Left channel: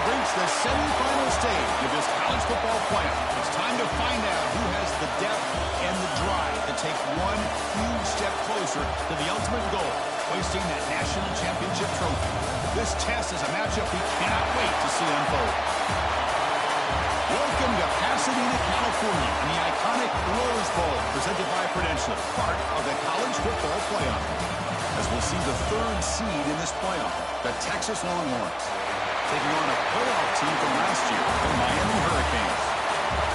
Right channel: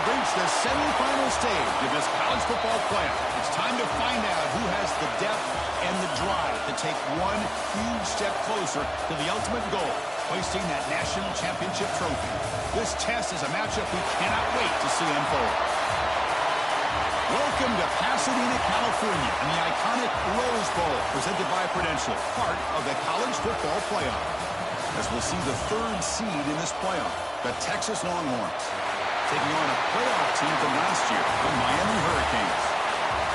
have reached the semifinal stage of this college football playoff. It's time to find out who has the depth and the drive to take one huge step closer to the ultimate goal, hoisting that national championship trophy. This test is a matchup we cannot wait to see unfold. Welcome to Pasadena, California, and the iconic Rose Bowl, presented by Prudential, part of the college football playoff. As we'll see the third seed in this playoff, the Texas Longhorns, taking on a playoff team from last year, the Miami Hurricanes.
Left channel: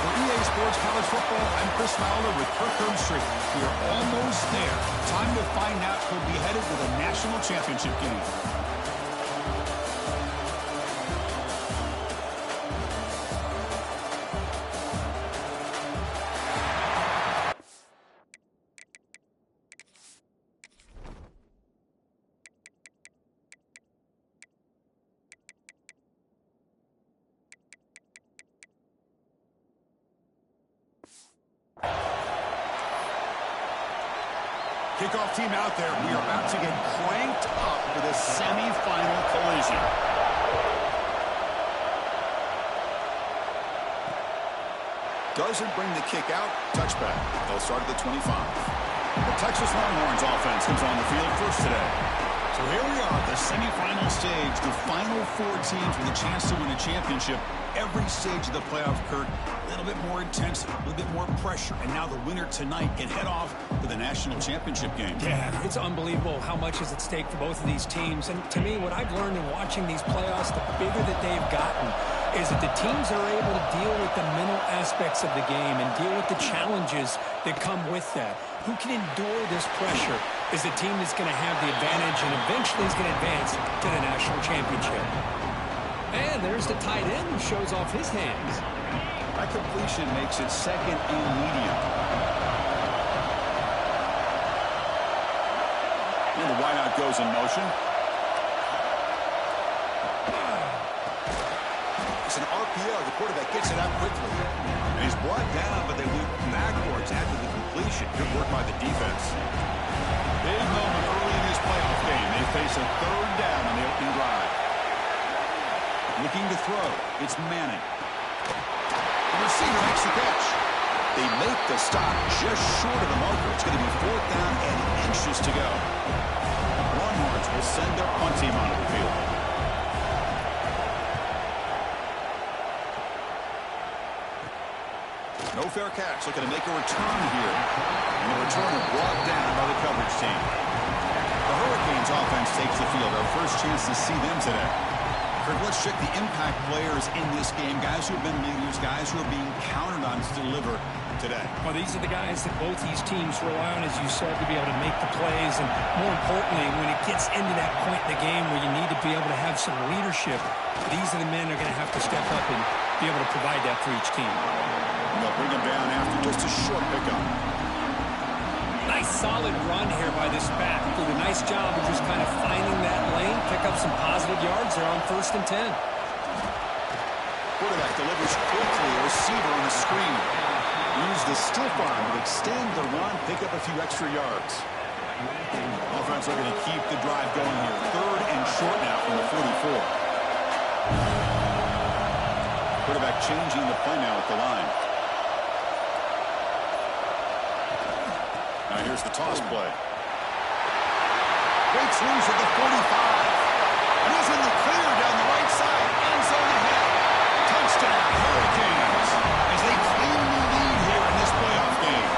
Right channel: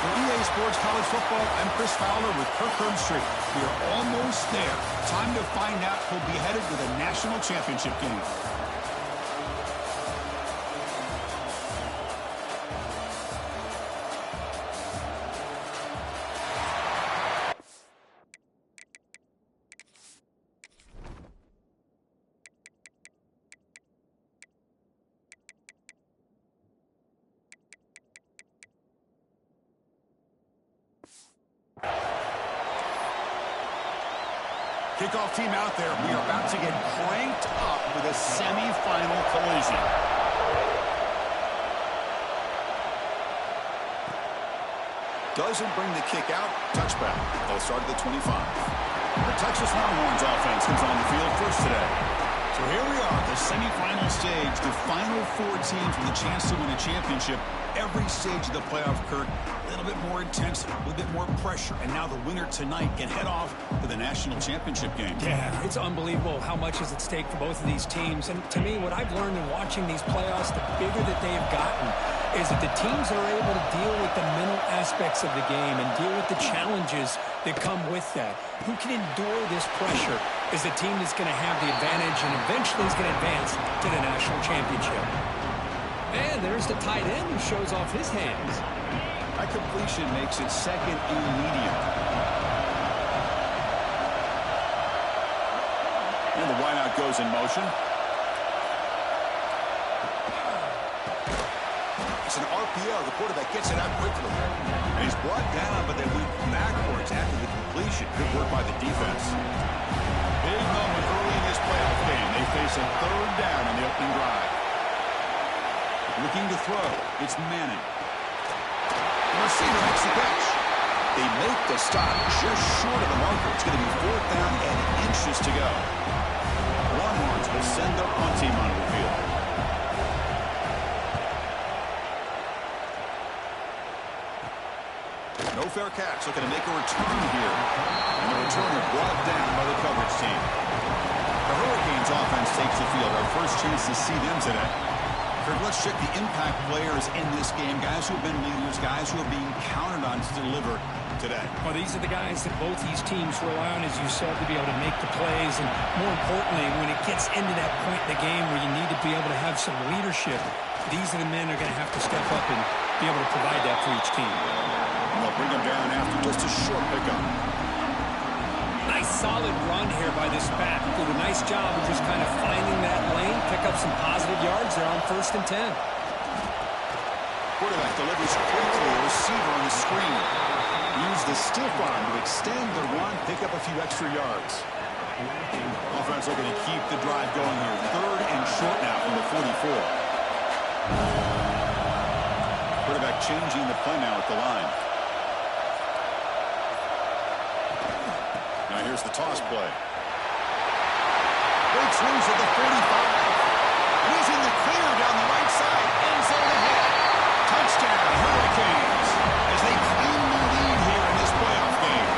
For EA Sports College Football, I'm Chris Fowler with Kirk Herbstreit. We are almost there. Time to find out who'll be headed to the national championship game. Kickoff team out there. We are about to get cranked up for this semifinal collision. Doesn't bring the kick out. Touchback. They'll start at the 25. The Texas Longhorns offense comes on the field first today. So here we are, the semifinal stage, the final four teams with a chance to win a championship. Every stage of the playoff, Kirk, a little bit more intensity, a little bit more pressure, and now the winner tonight can head off to the national championship game. Yeah, it's unbelievable how much is at stake for both of these teams. And to me, what I've learned in watching these playoffs, the bigger that they've gotten, is that the teams are able to deal with the mental aspects of the game and deal with the challenges that come with that. Who can endure this pressure is the team that's going to have the advantage and eventually is going to advance to the national championship. And there's the tight end who shows off his hands. That completion makes it second and medium. And the wideout goes in motion. It's an RPO. The quarterback gets it out quickly. And he's brought down, but they went backwards after the completion. Good work by the defense. Big moment early in this playoff game. They face a third down on the opening drive. Looking to throw. It's Manning. The receiver makes the catch. They make the stop just short of the marker. It's going to be fourth down and inches to go. Longhorns will send their punt team onto the field. No fair catch. Looking to make a return here. And the returner brought down by the coverage team. The Hurricanes offense takes the field. Our first chance to see them today. Kirk, let's check the impact players in this game. Guys who have been leaders, guys who are being counted on to deliver today. Well, these are the guys that both these teams rely on, as you said, to be able to make the plays. And more importantly, when it gets into that point in the game where you need to be able to have some leadership, these are the men that are going to have to step up and be able to provide that for each team. And they'll bring them down after just a short pickup. Nice solid run here by this back. Did a nice job of just kind of finding that lane, pick up some positive yards there on 1st and 10. Quarterback delivers quickly, a receiver on the screen. Use the stiff arm to extend the run, pick up a few extra yards. Offense looking to keep the drive going here. Third and short now from the 44. Quarterback changing the play now at the line. Now here's the toss play. Breaks loose at the 45. And he's in the clear down the right side. End zone ahead. Touchdown, Hurricanes, as they claim the lead here in this playoff game.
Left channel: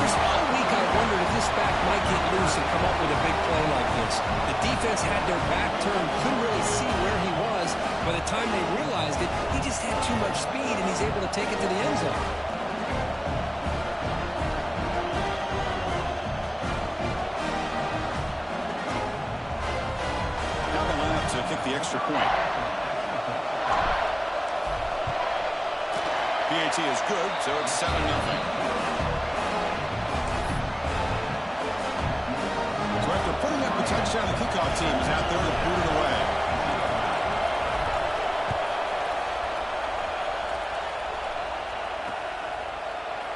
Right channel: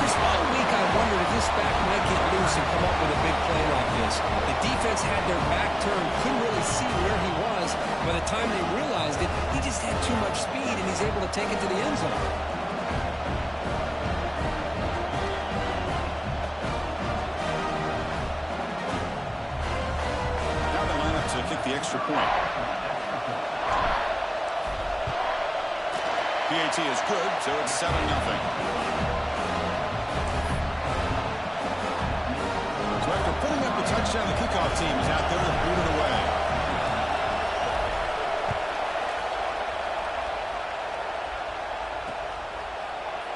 Chris, all week I wondered if this back might get loose and come up with a big play like this. The defense had their back turned, couldn't really see where he was. By the time they realized it, he just had too much speed, and he's able to take it to the end zone. To kick the extra point. PAT is good, so it's 7-0. So after putting up a touchdown, the kickoff team is out there to boot it away.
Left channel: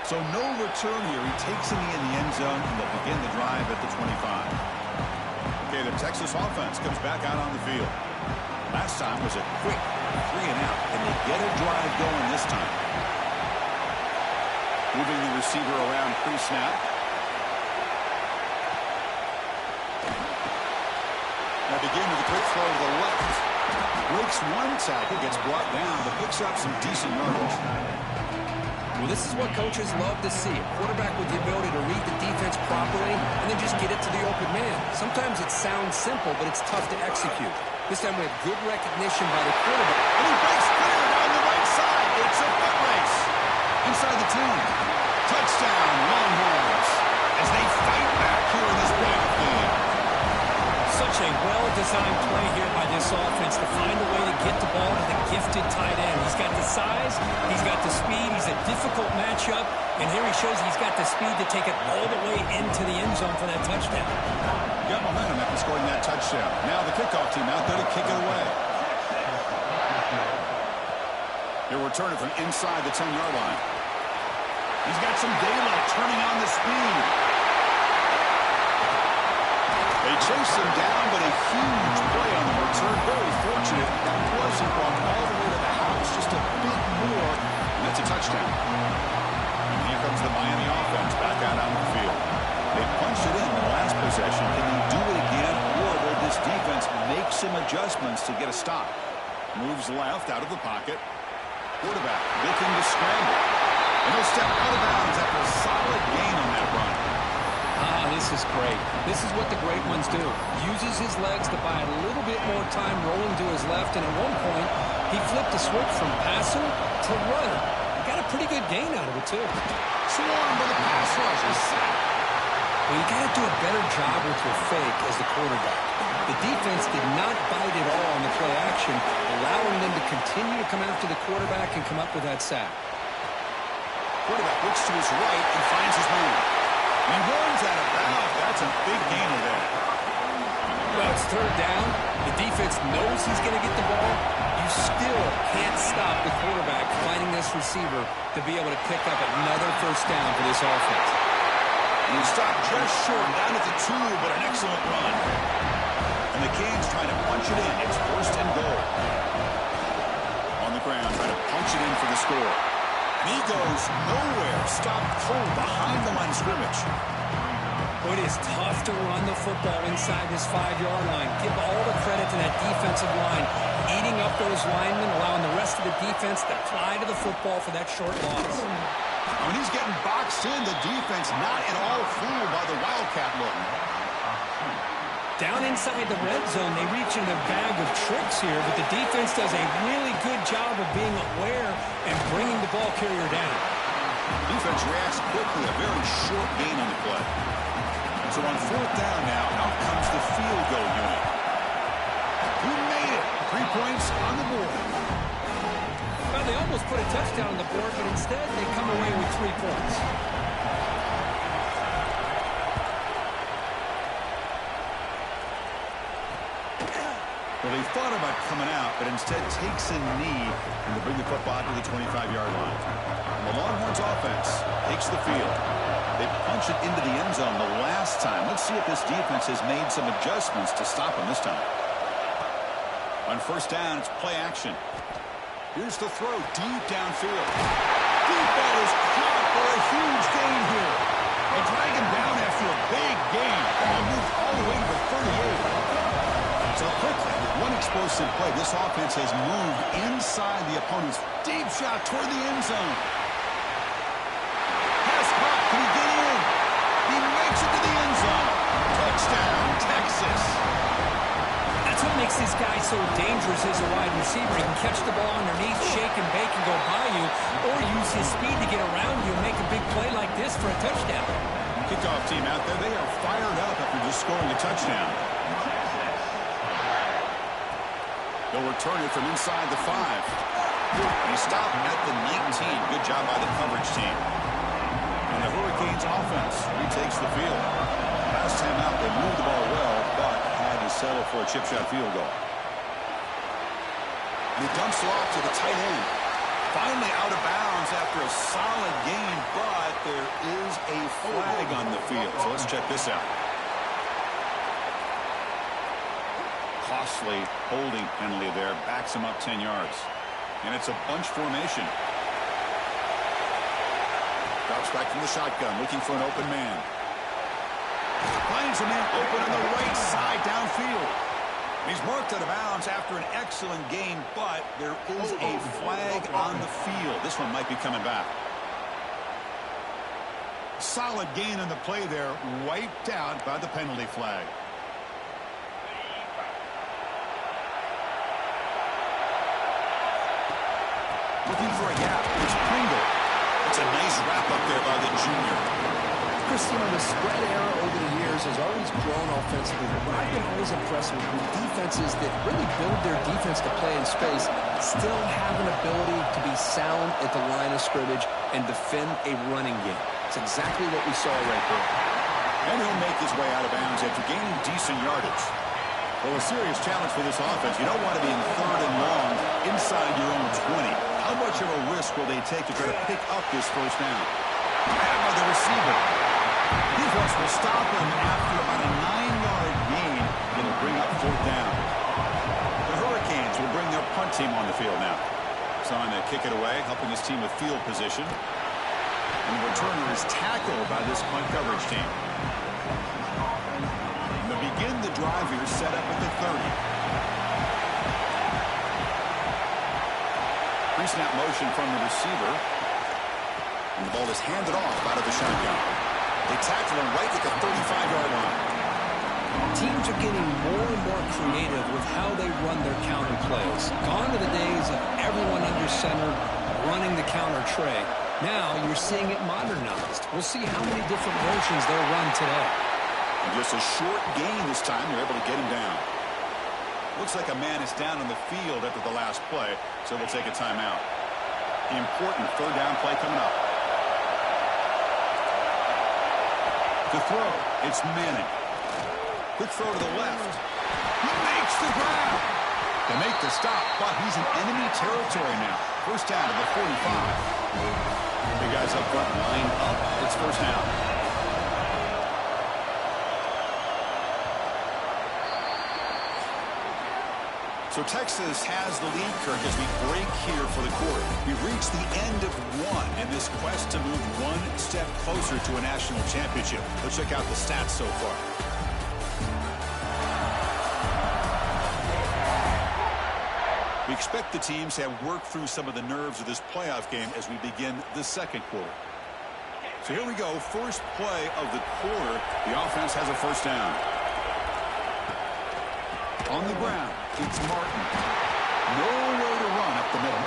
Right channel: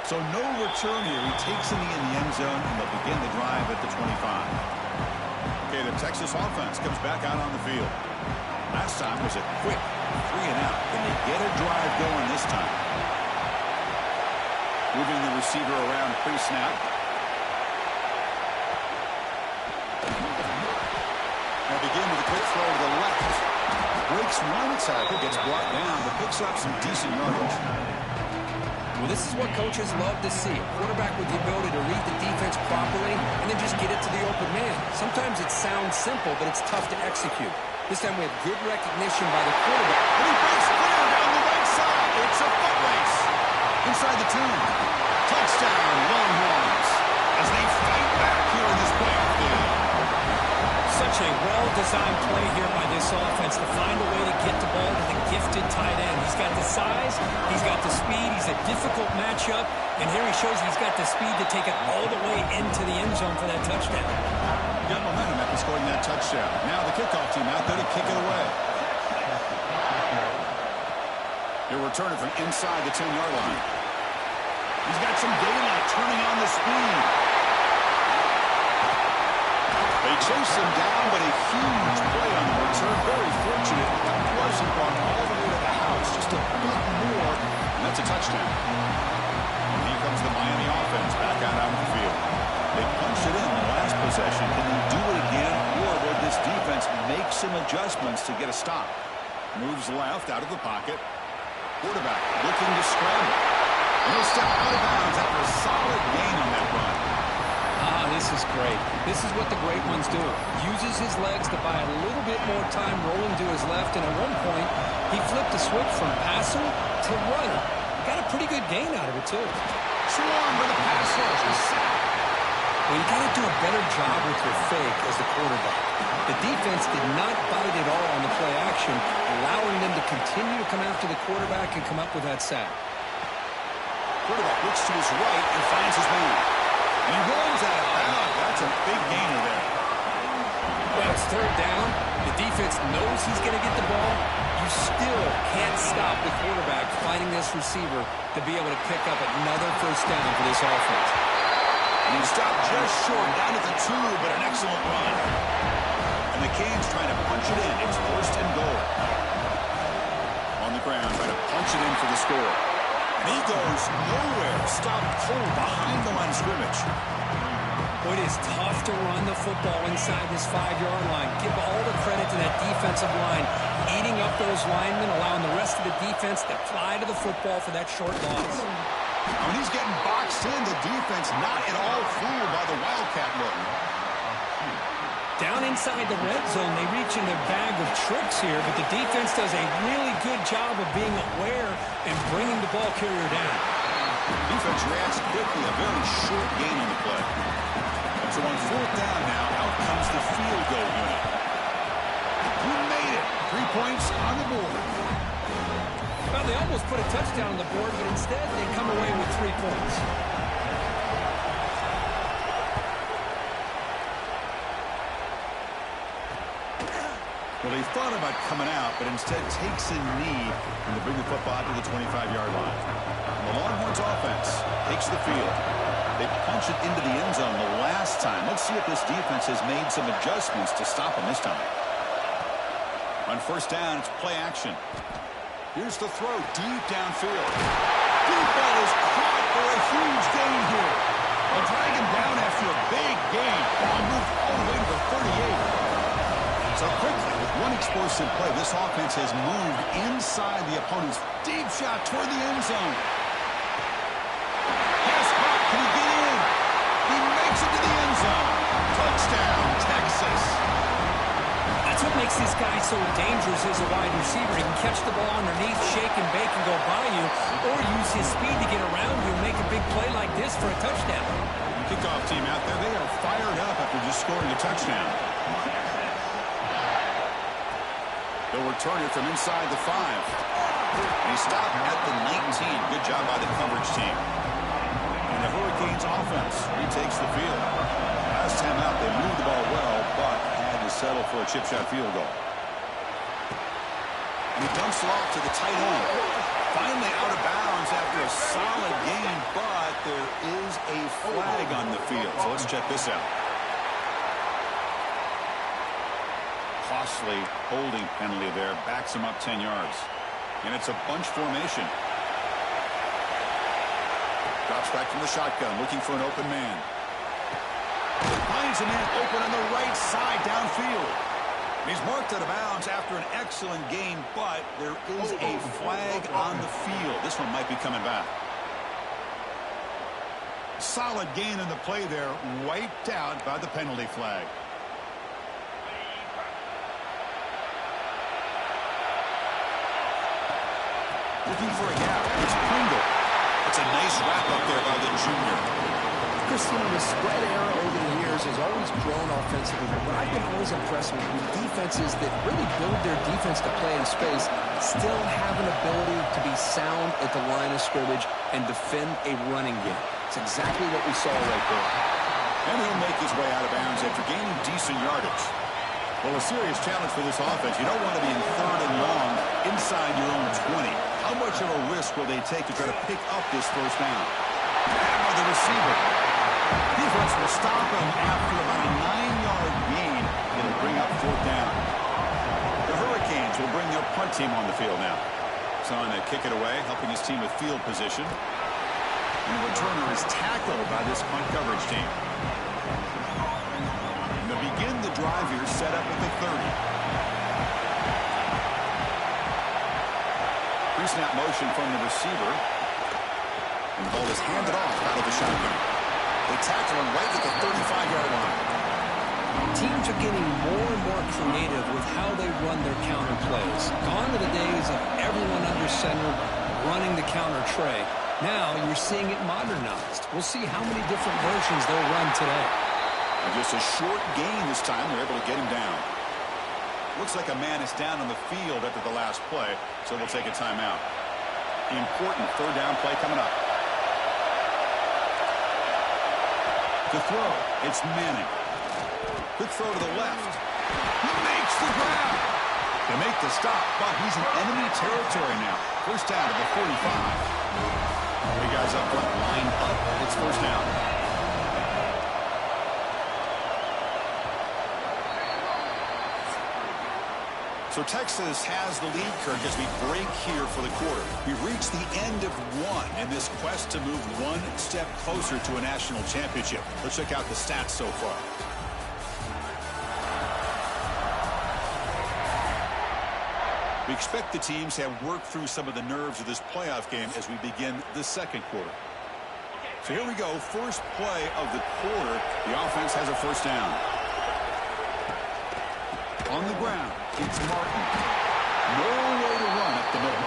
So no return here. He takes it in the end zone, and they'll begin the drive at the 25. Okay, the Texas offense comes back out on the field. Last time was a quick 3 and out. Can they get a drive going this time? Moving the receiver around pre-snap. Now begin with a quick throw to the left. Breaks one tackle, gets brought down, but picks up some decent yardage. Well, this is what coaches love to see. A quarterback with the ability to read the defense properly and then just get it to the open man. Sometimes it sounds simple, but it's tough to execute. This time we have good recognition by the quarterback. And he breaks clear down the right side. It's a foot race. Inside the 10. Touchdown, Longhorns, as they fight back here in this playoff game. Such a well-designed play here by this offense to find a way to get the ball to the gifted tight end. He's got the size, he's got the speed, he's a difficult matchup, and here he shows he's got the speed to take it all the way into the end zone for that touchdown. Got momentum after scoring that touchdown. Now the kickoff team out there to kick it away. He'll return it from inside the 10-yard line. He's got some daylight turning on the speed. They chase him down, but a huge play on the return. Very fortunate that wasn't brought all the way to the house. Just a bit more, and that's a touchdown. And here comes the Miami offense back out on the field. They punched it in the last possession. Can they do it again, or will this defense make some adjustments to get a stop? Moves left out of the pocket. Quarterback looking to scramble. And he'll step out of bounds after a solid gain on that run. This is great. This is what the great ones do. Uses his legs to buy a little bit more time rolling to his left, and at one point, he flipped the switch from passer to runner. Got a pretty good gain out of it, too. Swarmed by the pass rush, a sack. Well, you got to do a better job with your fake as the quarterback. The defense did not bite at all on the play action, allowing them to continue to come after the quarterback and come up with that sack. Quarterback looks to his right and finds his man. He runs out of bounds. That's a big gainer there. Well, it's third down. The defense knows he's going to get the ball. You still can't stop the quarterback finding this receiver to be able to pick up another first down for this offense. He stopped just short, down at the 2, but an excellent run. And the Canes trying to punch it in. It's first and goal. On the ground, trying to punch it in for the score. And he goes nowhere. Stopped cold behind the line of scrimmage. Boy, it is tough to run the football inside this 5-yard line. Give all the credit to that defensive line, eating up those linemen, allowing the rest of the defense to fly to the football for that short loss. When he's getting boxed in, the defense not at all fooled by the Wildcat look. Down inside the red zone, they reach in their bag of tricks here, but the defense does a really good job of being aware and bringing the ball carrier down. Defense reacts quickly, a very short gain on the play. So on fourth down now, out comes the field goal unit. Who made it? 3 points on the board. Well, they almost put a touchdown on the board, but instead they come away with 3 points. Well, they thought about coming out, but instead takes a knee to bring the football to the 25-yard line. And the Longhorns offense takes the field. They punch it into the end zone the last time. Let's see if this defense has made some adjustments to stop them this time. On first down, it's play action. Here's the throw deep downfield. Deep ball is caught for a huge gain here. They'll drag him down after a big gain. Ball moved all the way to the 38. So quickly, with one explosive play, this offense has moved inside the opponent's deep shot toward the end zone. Pass caught. Can he get in? He makes it to the end zone. Touchdown, Texas. That's what makes this guy so dangerous as a wide receiver. He can catch the ball underneath, shake and bake and go by you, or use his speed to get around you and make a big play like this for a touchdown. Kickoff team out there, they are fired up after just scoring a touchdown. They'll return it from inside the 5. And he stopped at the 19. Good job by the coverage team. And the Hurricanes offense retakes the field. Last time out, they moved the ball well, but had to settle for a chip shot field goal. And he dumps it off to the tight end. Finally out of bounds after a solid gain, but there is a flag on the field. So let's check this out. costly holding penalty there. Backs him up 10 yards. And it's a bunch formation. Drops back from the shotgun, looking for an open man. Finds a man open on the right side downfield. He's marked out of bounds after an excellent game, but there is a flag on the field. This one might be coming back. Solid gain on the play there, wiped out by the penalty flag. Looking for a gap. It's Pringle. It's a nice wrap up there by the junior. Chris, the spread era over the years has always grown offensively, but what I've been always impressed with defenses that really build their defense to play in space still have an ability to be sound at the line of scrimmage and defend a running game. It's exactly what we saw right there. And he'll make his way out of bounds after gaining decent yardage. Well, a serious challenge for this offense. You don't want to be in 3rd and long inside your own 20. How much of a risk will they take to try to pick up this first down? Grabbed by the receiver. Defense will stop him after about a 9-yard gain. It'll bring up 4th down. The Hurricanes will bring their punt team on the field now. He's on to kick it away, helping his team with field position. And the returner is tackled by this punt coverage team. And they'll begin the drive here, set up at the 30. Pre-snap motion from the receiver. And the ball is handed off out of the shotgun. They tackle him right at the 35-yard line. Teams are getting more and more creative with how they run their counter plays. Gone are the days of everyone under center running the counter tray. Now you're seeing it modernized. We'll see how many different versions they'll run today. And just a short gain this time. They're able to get him down. Looks like a man is down on the field after the last play, so we'll take a timeout. The important 3rd down play coming up. To throw, it's Manning. Quick throw to the left. He makes the grab. They make the stop, but he's in enemy territory now. First down to the 45. The guys up front lined up. It's first down. So Texas has the lead, Kirk, as we break here for the quarter. We've reached the end of one in this quest to move one step closer to a national championship. Let's check out the stats so far. We expect the teams to have worked through some of the nerves of this playoff game as we begin the second quarter. So here we go. First play of the quarter. The offense has a first down. On the ground, it's Martin. No way to run up the middle.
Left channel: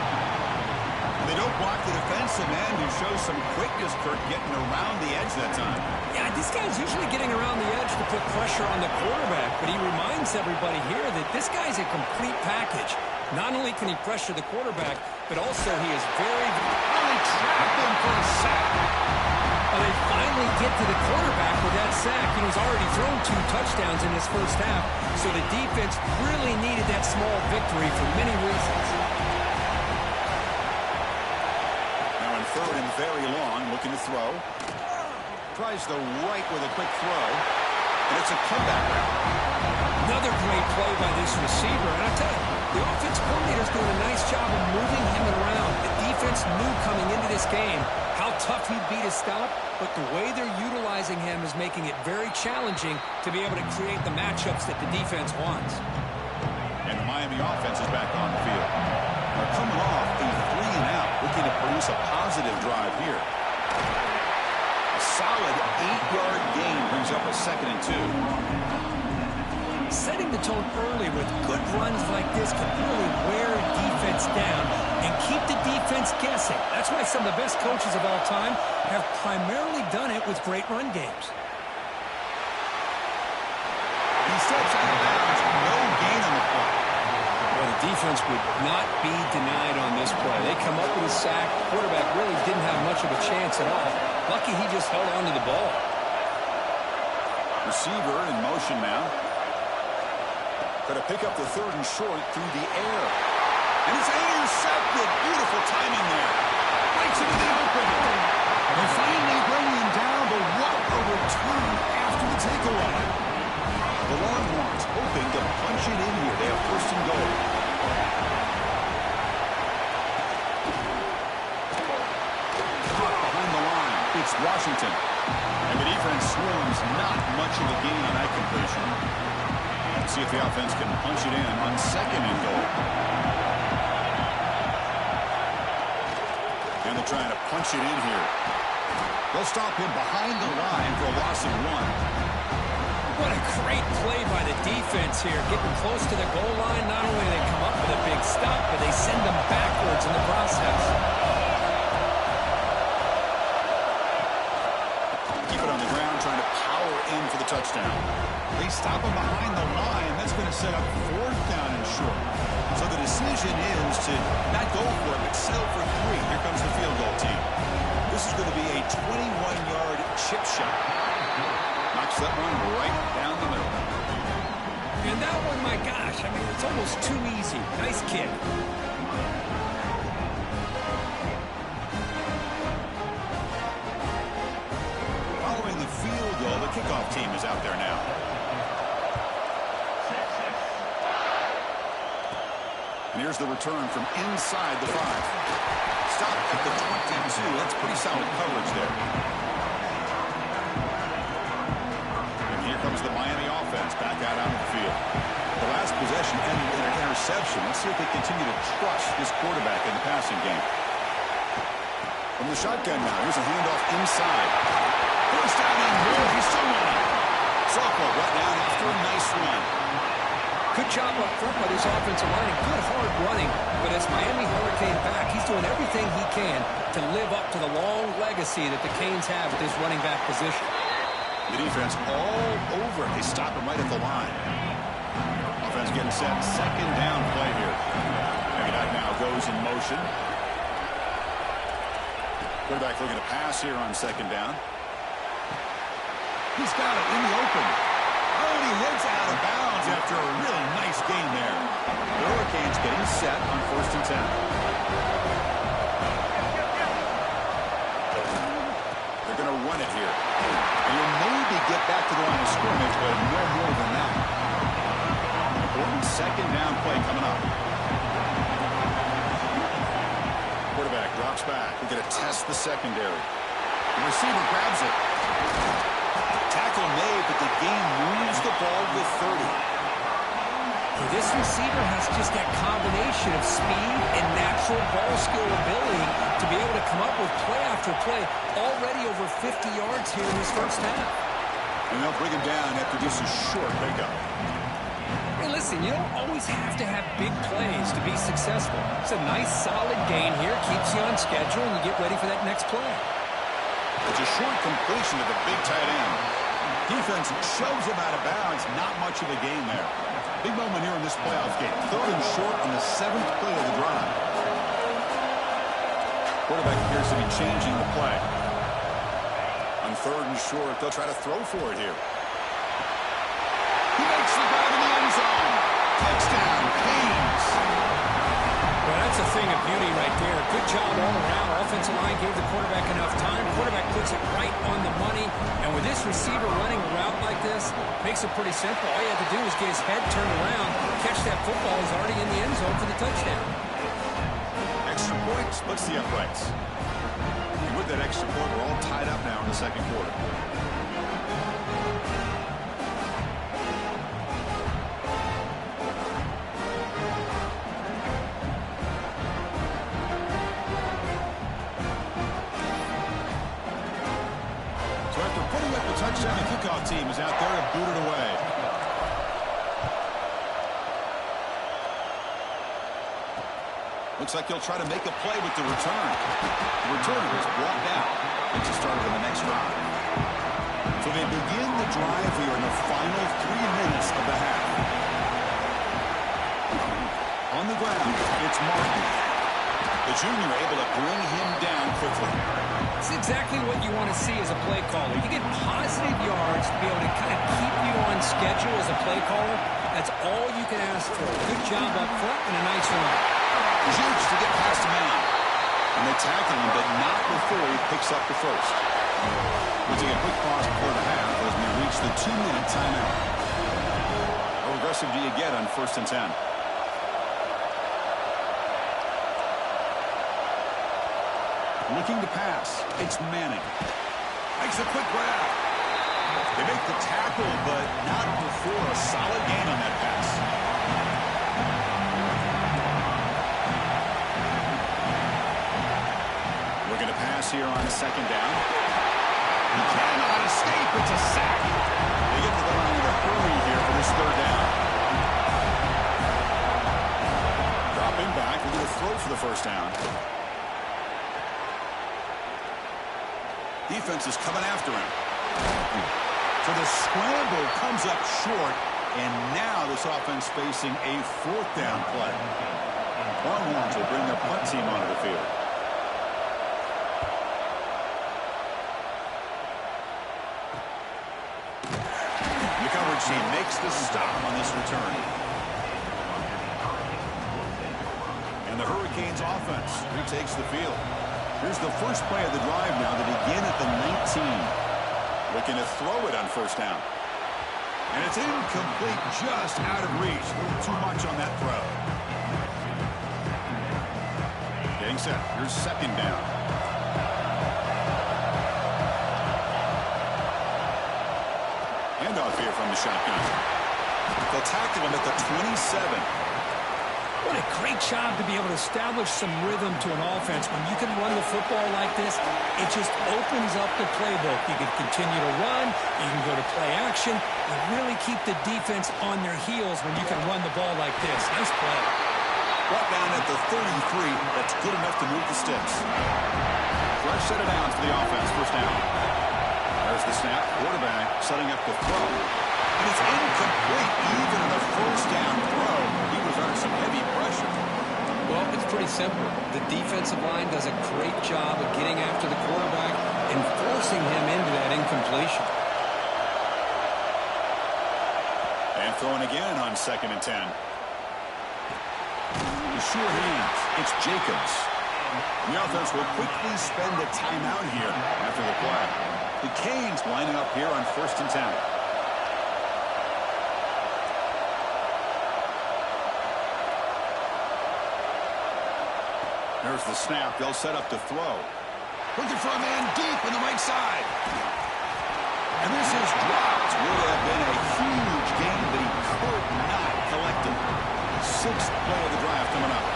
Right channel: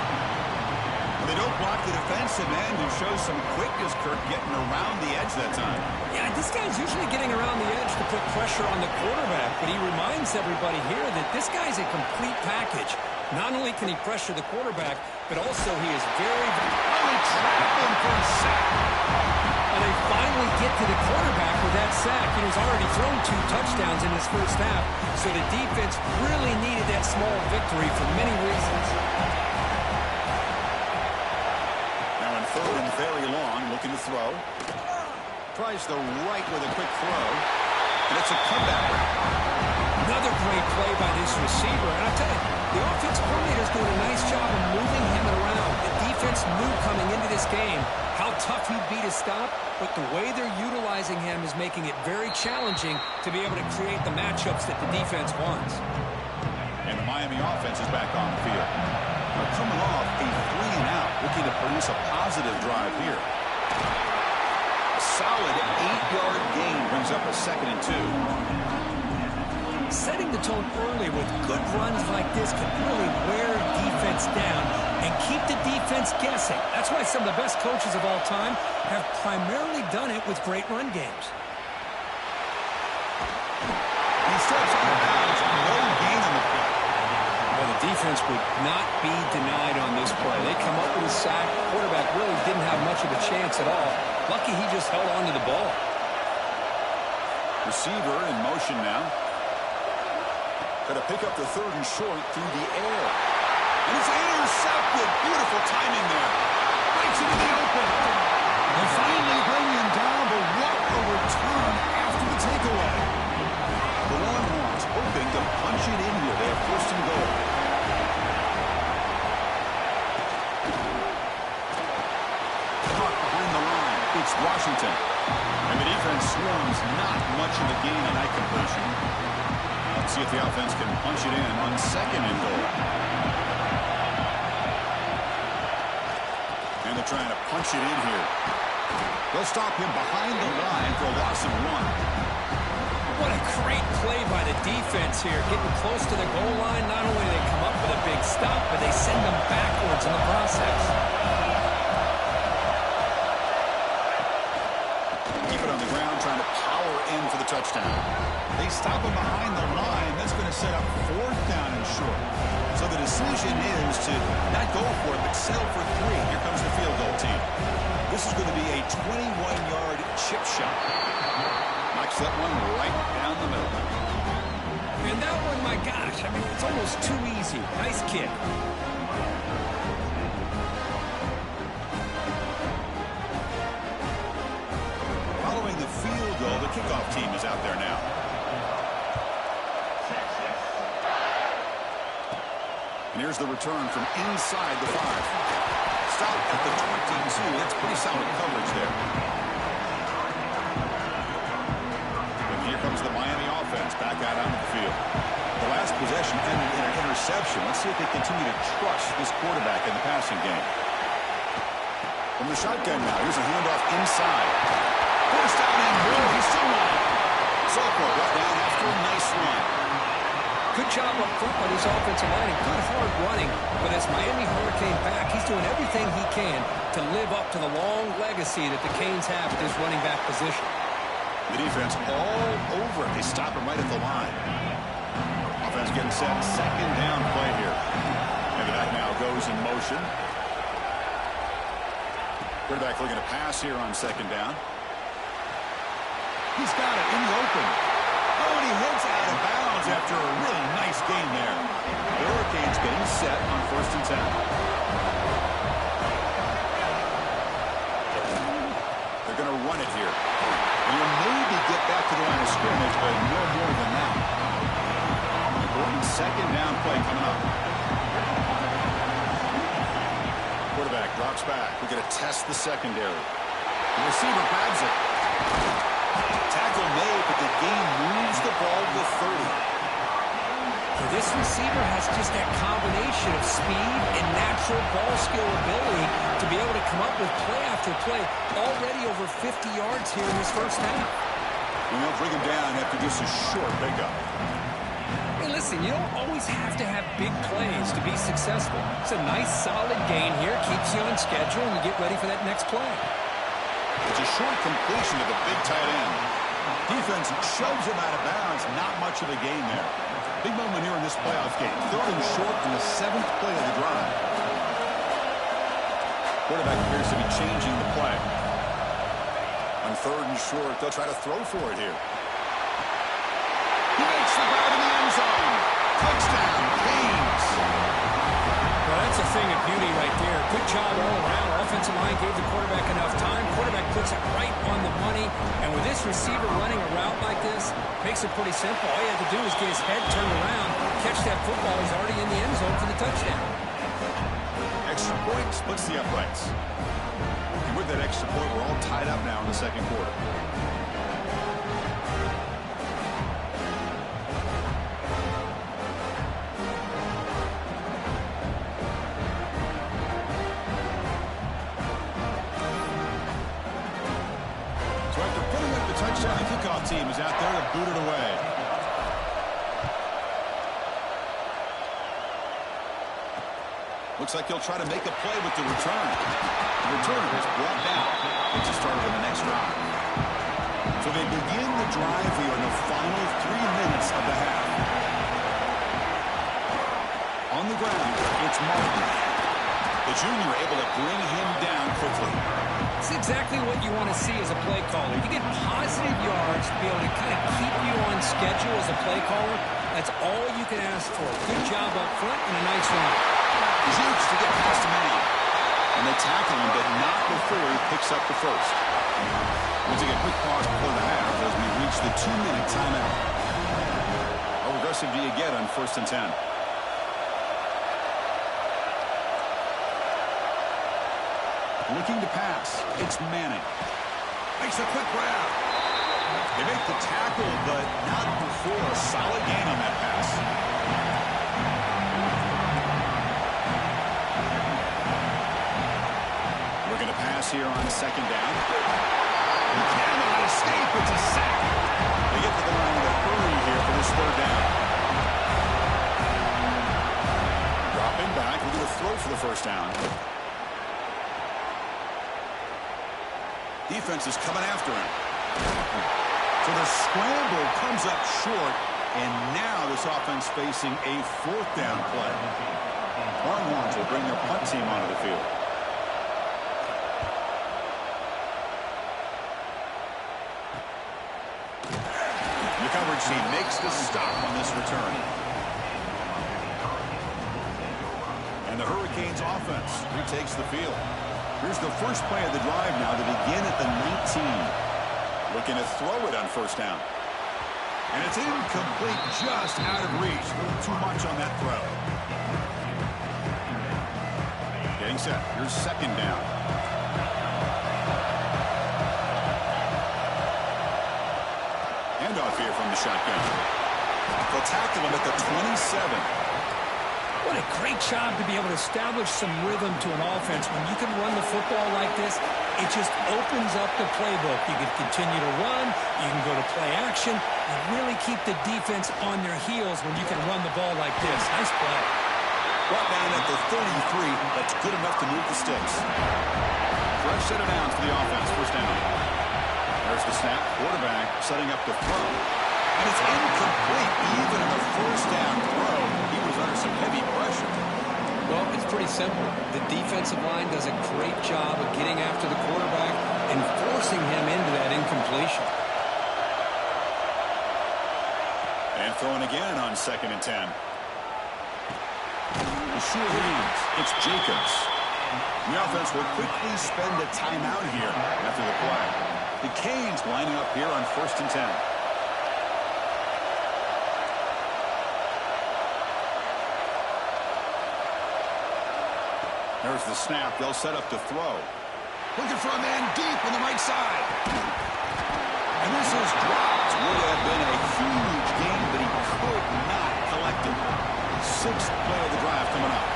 They don't block the defensive end, who shows some quickness, Kirk, getting around the edge that time. Yeah, this guy's usually getting around the edge to put pressure on the quarterback, but he reminds everybody here that this guy's a complete package. Not only can he pressure the quarterback, but also he is very... Oh, they trap him for a sack. Well, they finally get to the quarterback with that sack. You know, he's already thrown 2 touchdowns in his first half, so the defense really needed that small victory for many reasons. Now in 3rd and very long, looking to throw. Tries the right with a quick throw, and it's a comeback route. Another great play by this receiver, and I tell you, the offense coordinator's doing a nice job of moving him around. The defense knew coming into this game how tough he'd be to stop, but the way they're utilizing him is making it very challenging to be able to create the matchups that the defense wants. And the Miami offense is back on the field. They're coming off a 3-and-out, looking to produce a positive drive here. A solid 8-yard gain brings up a 2nd and 2. Setting the tone early with good runs like this can really wear defense down and keep the defense guessing. That's why some of the best coaches of all time have primarily done it with great run games. He steps out of bounds, no gain on the play. Well, the defense would not be denied on this play. They come up with a sack. Quarterback really didn't have much of a chance at all. Lucky he just held on to the ball. Receiver in motion now. Going to pick up the 3rd and short through the air. And it's intercepted. Beautiful timing there. Breaks into the open. They finally bring him down, but what a return after the takeaway. The Longhorns hoping to punch it in here. They have first and goal. Caught behind the line. It's Washington. And the defense swarms not much of a gain on that completion. Let's see if the offense can punch it in on second and goal. And they're trying to punch it in here. They'll stop him behind the line for a loss of 1. What a great play by the defense here. Getting close to the goal line, not only do they come up with a big stop, but they send them backwards in the process. Keep it on the ground, trying to power in for the touchdown. They stop him behind the line. That's going to set up 4th down and short. So the decision is to not go for it, but settle for 3. Here comes the field goal team. This is going to be a 21-yard chip shot. Knocks that one right down the middle. And that one, my gosh, I mean, it's almost too easy. Nice kick. Following the field goal, the kickoff team is out there now. And here's the return from inside the 5. Stop at the 22. That's pretty solid coverage there. And here comes the Miami offense back out onto the field. The last possession ended in an interception. Let's see if they continue to trust this quarterback in the passing game. From the shotgun now, here's a handoff inside. First down and more. He's still running. Softball brought down after a nice run. Good job up front by this offensive line and good hard running. But as Miami Hurricane back, he's doing everything he can to live up to the long legacy that the Canes have at this running back position. The defense all over it. They stop him right at the line. Offense getting set. Second down play here. And the back now goes in motion. Quarterback looking to pass here on second down. He's got it in the open. Oh, and he heads out of bounds after a really nice gain there. The Hurricanes getting set on 1st and 10. They're going to run it here. And he'll maybe get back to the line of scrimmage, but no more than that. An important second down play coming up. Quarterback drops back. We're going to test the secondary. The receiver grabs it. Tackle made, but the game moves the ball to 30. This receiver has just that combination of speed and natural ball skill ability to be able to come up with play after play. Already over 50 yards here in his first half. And they'll bring him down after just a short pickup. Hey, listen, you don't always have to have big plays to be successful. It's a nice, solid gain here. Keeps you on schedule, and you get ready for that next play. It's a short completion to the big tight end. Defense shoves him out of bounds. Not much of a gain there. Big moment here in this playoff game. 3rd and short in the 7th play of the drive. Quarterback appears to be changing the play. On 3rd and short, they'll try to throw for it here. He makes the grab in the end zone. Touchdown, Canes. Well, that's a thing of beauty right there. Good job all around. Offensive line gave the quarterback enough time. Quarterback puts it right on the money. And with this receiver running a route like this, makes it pretty simple. All you have to do is get his head turned around, catch that football. He's already in the end zone for the touchdown. Extra point splits the uprights. And with that extra point, we're all tied up now in the second quarter. So after putting up the touchdown, the kickoff team is out there to boot it away. Looks like he'll try to make a play with the return. The returner is brought down. It's a start of the next drive. So they begin the drive here in the final 3 minutes of the half. On the ground, it's Martin. The junior able to bring him down quickly. It's exactly what you want to see as a play caller. You get positive yards to be able to kind of keep you on schedule as a play caller. That's all you can ask for. Good job up front and a nice run. Huge to get past a man. And they tackle him, but not before he picks up the first. We'll take a quick pause before the half as we reach the 2-minute timeout. aggressive do you get on 1st and 10? Looking to pass. It's Manning. Makes a quick grab. They make the tackle, but not before a solid gain on that pass. We're going to pass here on 2nd down. He cannot escape. It's a sack. They get to the line in a hurry here for this 3rd down. Dropping back. We're going to throw for the 1st down. Defense is coming after him. So the scramble comes up short, and now this offense facing a 4th down play. Longhorns will bring their punt team onto the field. The coverage team makes the stop on this return. And the Hurricanes offense retakes the field. Here's the first play of the drive now to begin at the 19. Looking to throw it on 1st down. And it's incomplete, just out of reach. A little too much on that throw. Getting set. Here's 2nd down. Handoff here from the shotgun. They'll tackle him at the 27. What a great job to be able to establish some rhythm to an offense. When you can run the football like this, it just opens up the playbook. You can continue to run. You can go to play action. And really keep the defense on their heels when you can run the ball like this. Nice play. Brought down at the 33. That's good enough to move the sticks. Fresh set of downs for the offense. 1st down. There's the snap. Quarterback setting up to throw. And it's incomplete. Even in the 1st down throw, he was under some heavy pressure. Well, it's pretty simple. The defensive line does a great job of getting after the quarterback and forcing him into that incompletion. And throwing again on 2nd and 10. The sure hands. It's Jacobs. The offense will quickly spend a timeout here after the play. The Canes lining up here on 1st and 10. There's the snap. They'll set up to throw. Looking for a man deep on the right side. And this is dropped. Would have been a huge gain, but he could not collect it. 6th play of the drive coming up.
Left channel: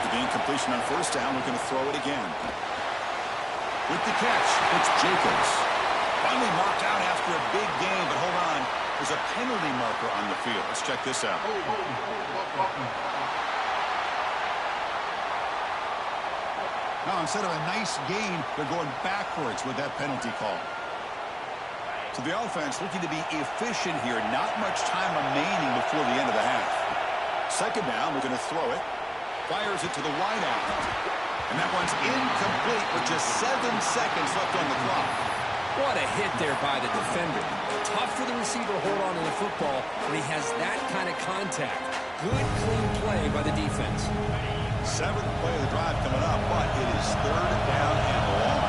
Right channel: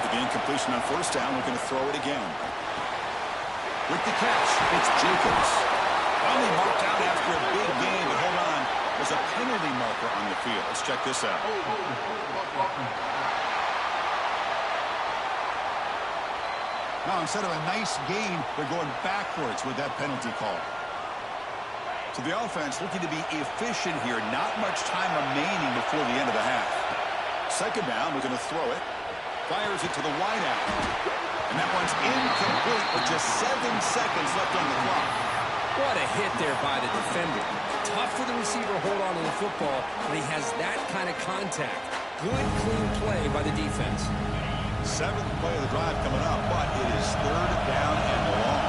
After the incompletion on 1st down, looking to throw it again. With the catch, it's Jacobs. Finally marked out after a big game, but hold on. There's a penalty marker on the field. Let's check this out. Now, instead of a nice gain, they're going backwards with that penalty call. So the offense looking to be efficient here. Not much time remaining before the end of the half. 2nd down, we're going to throw it. Fires it to the wideout. And that one's incomplete with just 7 seconds left on the clock. What a hit there by the defender. Tough for the receiver to hold on to the football when he has that kind of contact. Good, clean play by the defense. 7th play of the drive coming up, but it is 3rd down and long.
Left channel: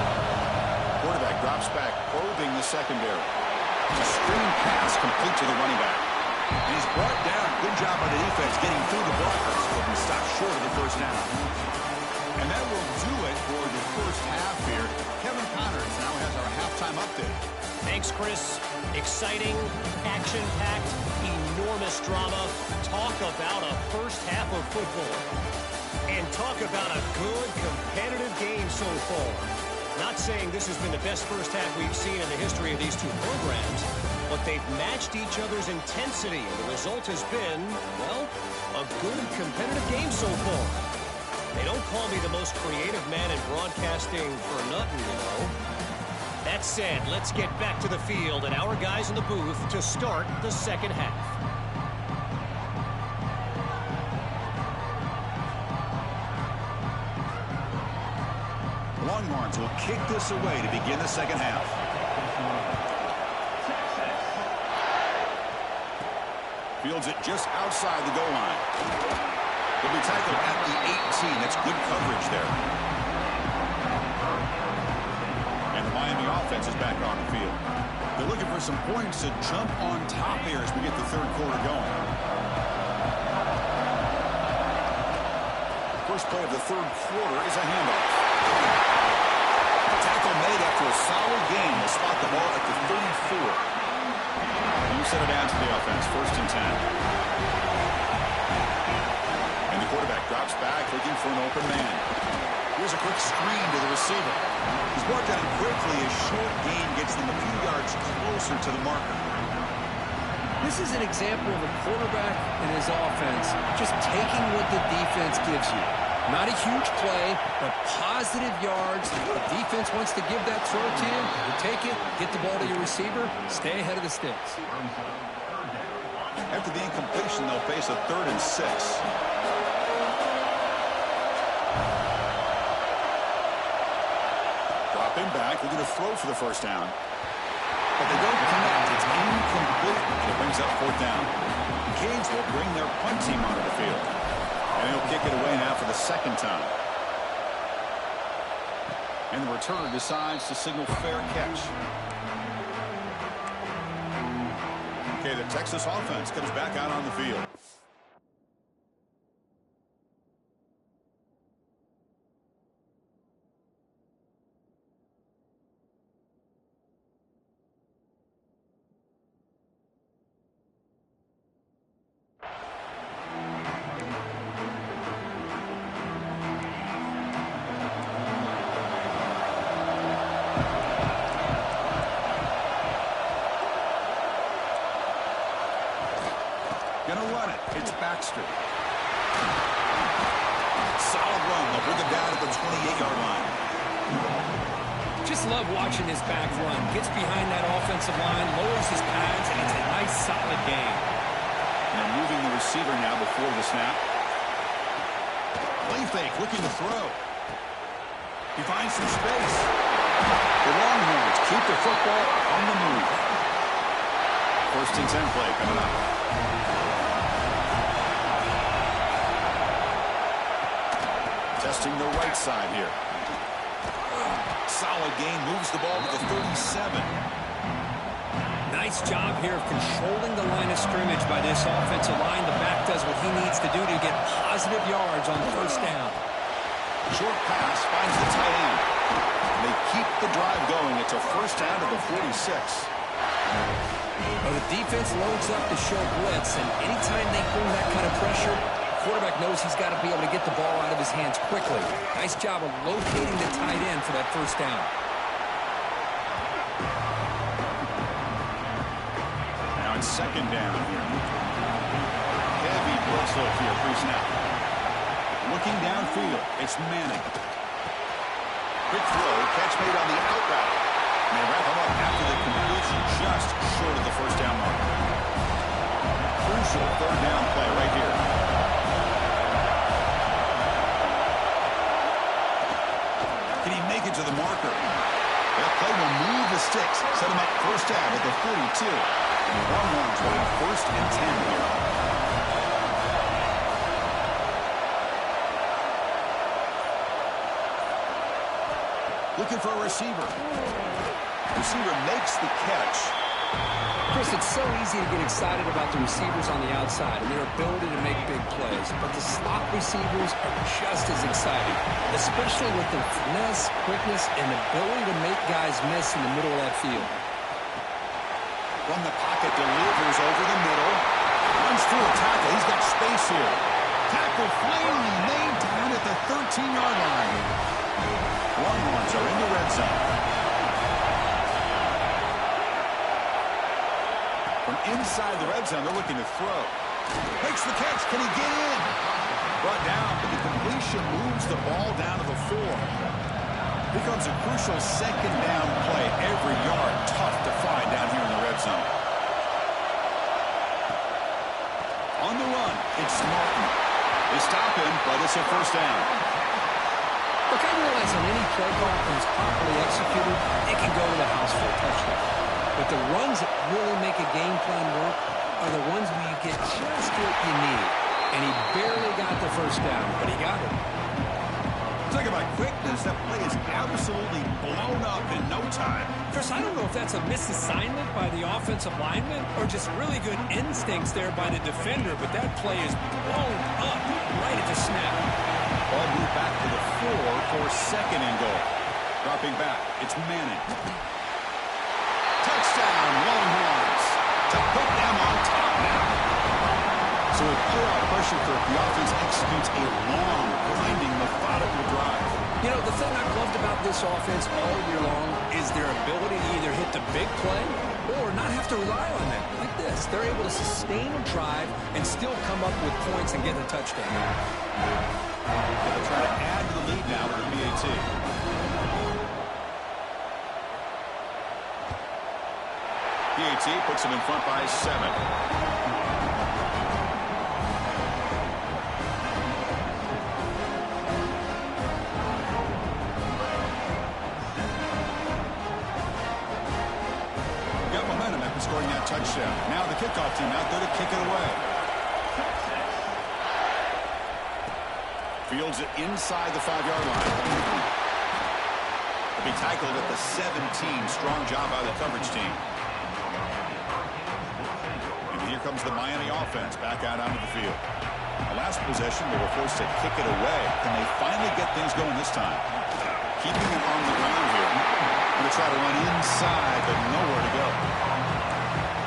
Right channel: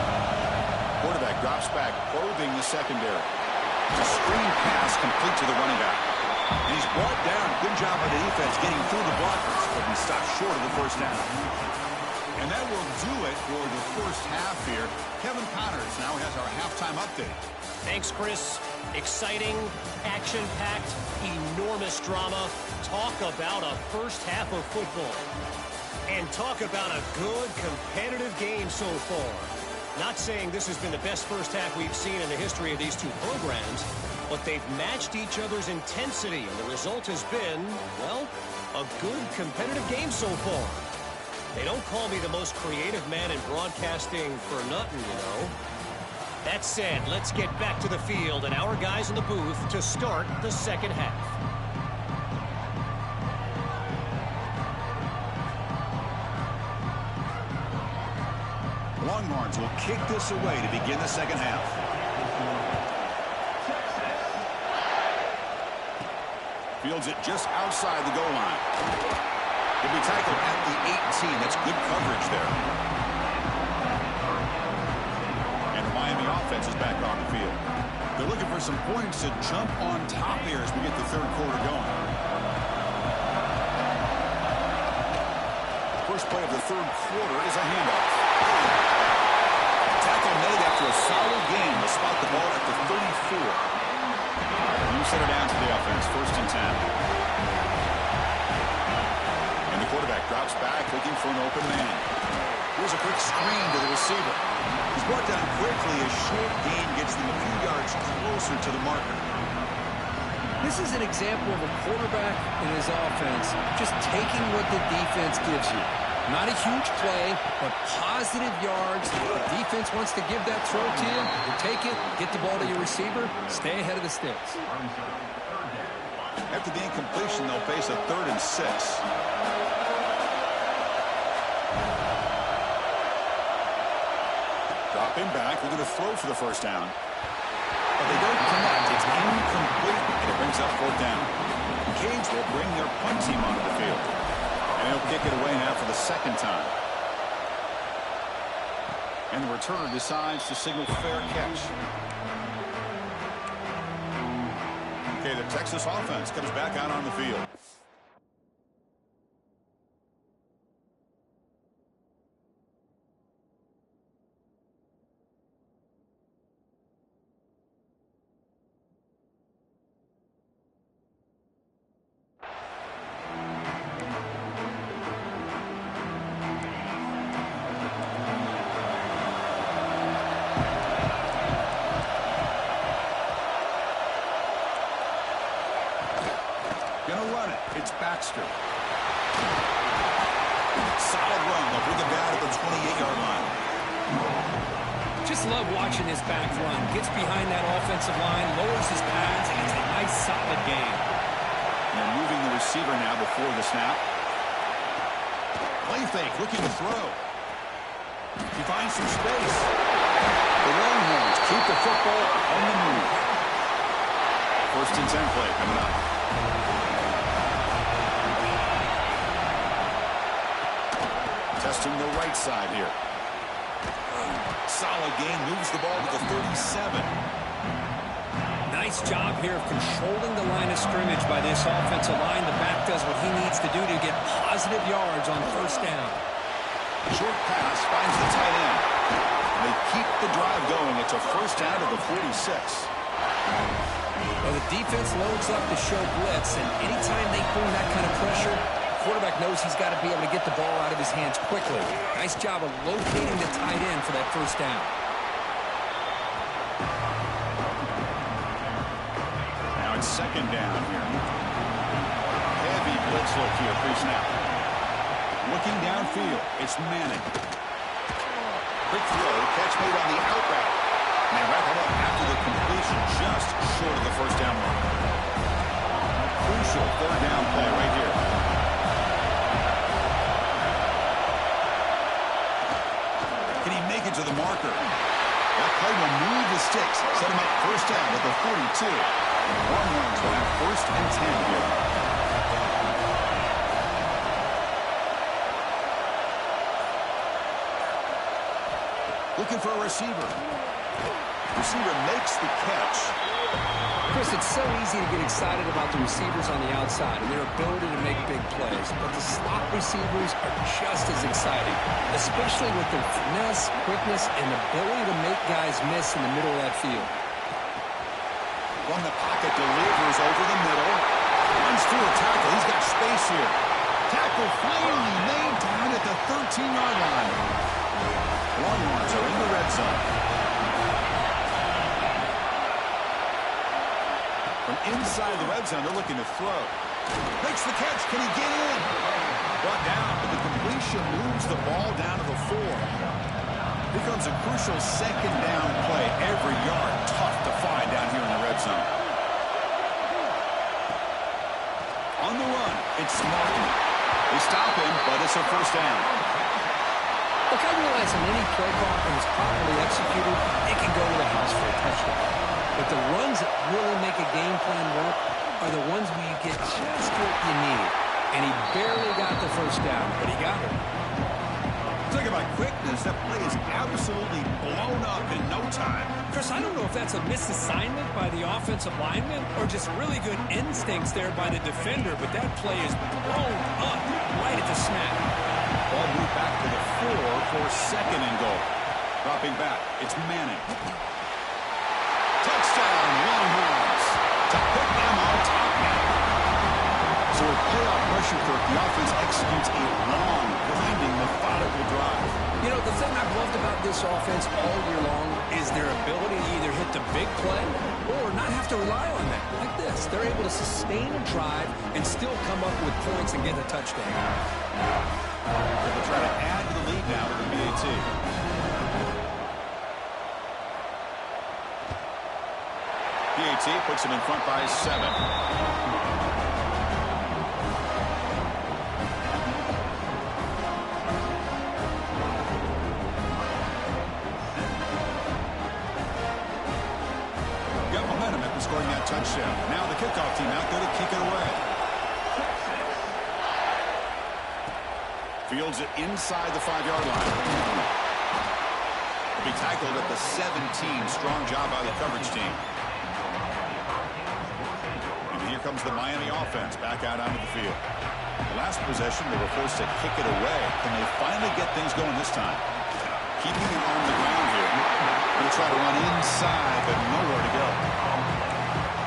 Quarterback drops back, probing the secondary. A screen pass complete to the running back. And he's brought down. Good job by the defense getting through the blockers, but he stopped short of the 1st down. And that will do it for the 1st half here. Kevin Connors now has our halftime update. Thanks, Chris. Exciting, action-packed, enormous drama. Talk about a 1st half of football. And talk about a good, competitive game so far. Not saying this has been the best 1st half we've seen in the history of these two programs, but they've matched each other's intensity, and the result has been, well, a good, competitive game so far. They don't call me the most creative man in broadcasting for nothing, you know. That said, let's get back to the field and our guys in the booth to start the 2nd half. Longhorns will kick this away to begin the 2nd half. Fields it just outside the goal line. He'll be tackled at the 18. That's good coverage there. And the Miami offense defense is back on the field. They're looking for some points to jump on top here as we get the third quarter going. First play of the third quarter is a handoff. Tackle made after a solid gain. They'll spot the ball at the 34. You set it down to the offense. 1st and 10. And the quarterback drops back looking for an open man. Here's a quick screen to the receiver. He's brought down quickly. A short gain gets them a few yards closer to the marker. This is an example of a quarterback and his offense just taking what the defense gives you. Not a huge play, but positive yards. The defense wants to give that throw to you. You take it, get the ball to your receiver, stay ahead of the sticks. After the incompletion, they'll face a 3rd and 6. Dropping back, looking to throw for the first down. But they don't connect. It's incomplete, and it brings up 4th down. Canes will bring their punt team onto the field. And he'll kick it away now for the 2nd time. And the returner decides to signal fair catch. Okay, the Texas offense comes back out on the field. Gonna run it. It's Baxter. Solid run. They'll bring him down at the 28-yard line. Just love watching his back run. Gets behind that offensive line, lowers his pads, and it's a nice, solid game. And they're moving the receiver now before the snap. Play fake, looking to throw. He finds some space. The Longhorns keep the football on the move. 1st and 10 play coming up. Testing the right side here. Solid gain, moves the ball to the 37. Nice job here of controlling the line of scrimmage by this offensive line. The back does what he needs to do to get positive yards on 1st down. Short pass finds the tight end. And they keep the drive going. It's a 1st down to the 46. Well, the defense loads up to show blitz, and anytime they bring that kind of pressure, quarterback knows he's got to be able to get the ball out of his hands quickly. Nice job of locating the tight end for that 1st down. Now it's 2nd down here. Heavy blitz look here, pre-snap. Looking downfield, it's Manning. Quick throw, catch made on the out route. And they wrap him up after the completion, just short of the 1st down mark. Crucial 3rd down play right here. Can he make it to the marker? That play will move the sticks. Set him up 1st down at the 42. Longhorns will have 1st and 10 here. Looking for a receiver. Receiver makes the catch. Chris, it's so easy to get excited about the receivers on the outside and their ability to make big plays, but the slot receivers are just as exciting, especially with their finesse, quickness, and ability to make guys miss in the middle of that field. From the pocket, delivers over the middle. Runs through a tackle. He's got space here. Tackle finally made down at the 13-yard line. Longhorns are in the red zone. From inside the red zone, they're looking to throw. Makes the catch. Can he get in? Brought down, but the completion moves the ball down to the 4. Here comes a crucial 2nd down play. Every yard tough to find down here in the red zone. On the run, it's Martin. They stop him, but it's a 1st down. Look, I realize on any play call, when it's properly executed, it can go to the house for a touchdown. But the runs that really make a game plan work are the ones where you get just what you need. And he barely got the 1st down, but he got it. Talk about quickness. That play is absolutely blown up in no time. Chris, I don't know if that's a misassignment by the offensive lineman or just really good instincts there by the defender, but that play is blown up right at the snap. Ball moved back to the 4 for second and goal. Dropping back, it's Manning. Touchdown, Longhorns, to put them on top now. So with playoff pressure, Kirk, the offense executes a long, grinding, methodical drive. You know, the thing I've loved about this offense all year long is their ability to either hit the big play or not have to rely on that. Like this, they're able to sustain a drive and still come up with points and get a touchdown. They'll try to add to the lead now with the PAT. PAT puts him in front by 7. Got momentum after scoring that touchdown. Now the kickoff team out there to kick it away. Fields it inside the 5-yard line. He'll be tackled at the 17. Strong job by the coverage team. And here comes the Miami offense back out onto the field. The last possession, they were forced to kick it away. Can they finally get things going this time? Keeping it on the ground here. Going to try to run inside, but nowhere to go.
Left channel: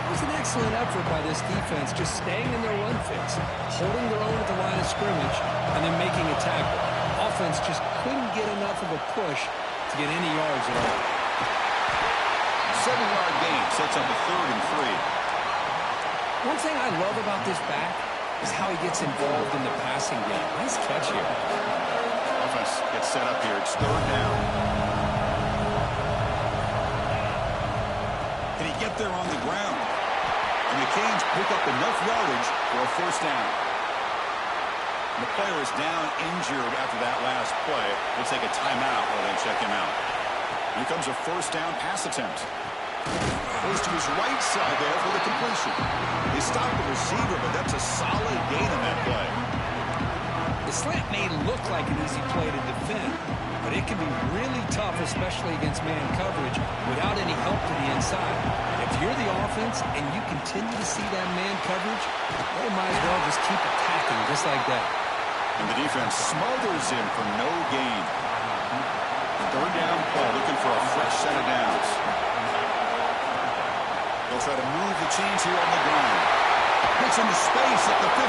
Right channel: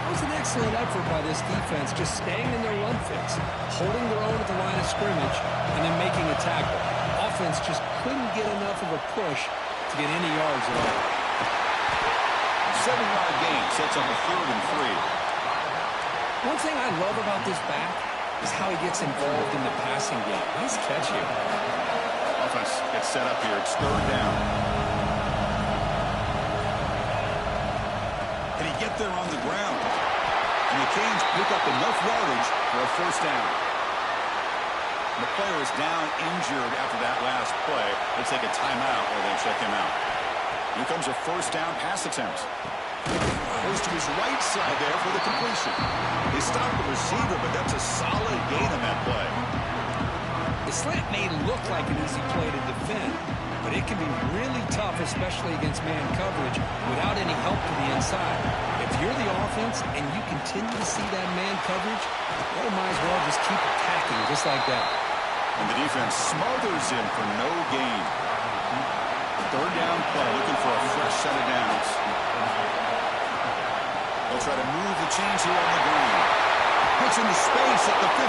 That was an excellent effort by this defense, just staying in their run fix, holding their own at the line of scrimmage, and then making a tackle. Offense just couldn't get enough of a push to get any yards at all. 7-yard gain sets up a 3rd and 3. One thing I love about this back is how he gets involved in the passing game. Nice catch here. Offense gets set up here. It's 3rd down. Can he get there on the ground? And the Canes pick up enough yardage for a 1st down. And the player is down injured after that last play. They'll take a timeout or they check him out. Here comes a 1st down pass attempt. Goes to his right side there for the completion. They stop the receiver, but that's a solid gain on that play. The slant may look like an easy play to defend, but it can be really tough, especially against man coverage, without any help to the inside. If you're the offense and you continue to see that man coverage, they might as well just keep attacking just like that. And the defense smothers him for no gain. 3rd down play, looking for a fresh set of downs. They'll try to move the chains here on the ground. Gets into space at the 50.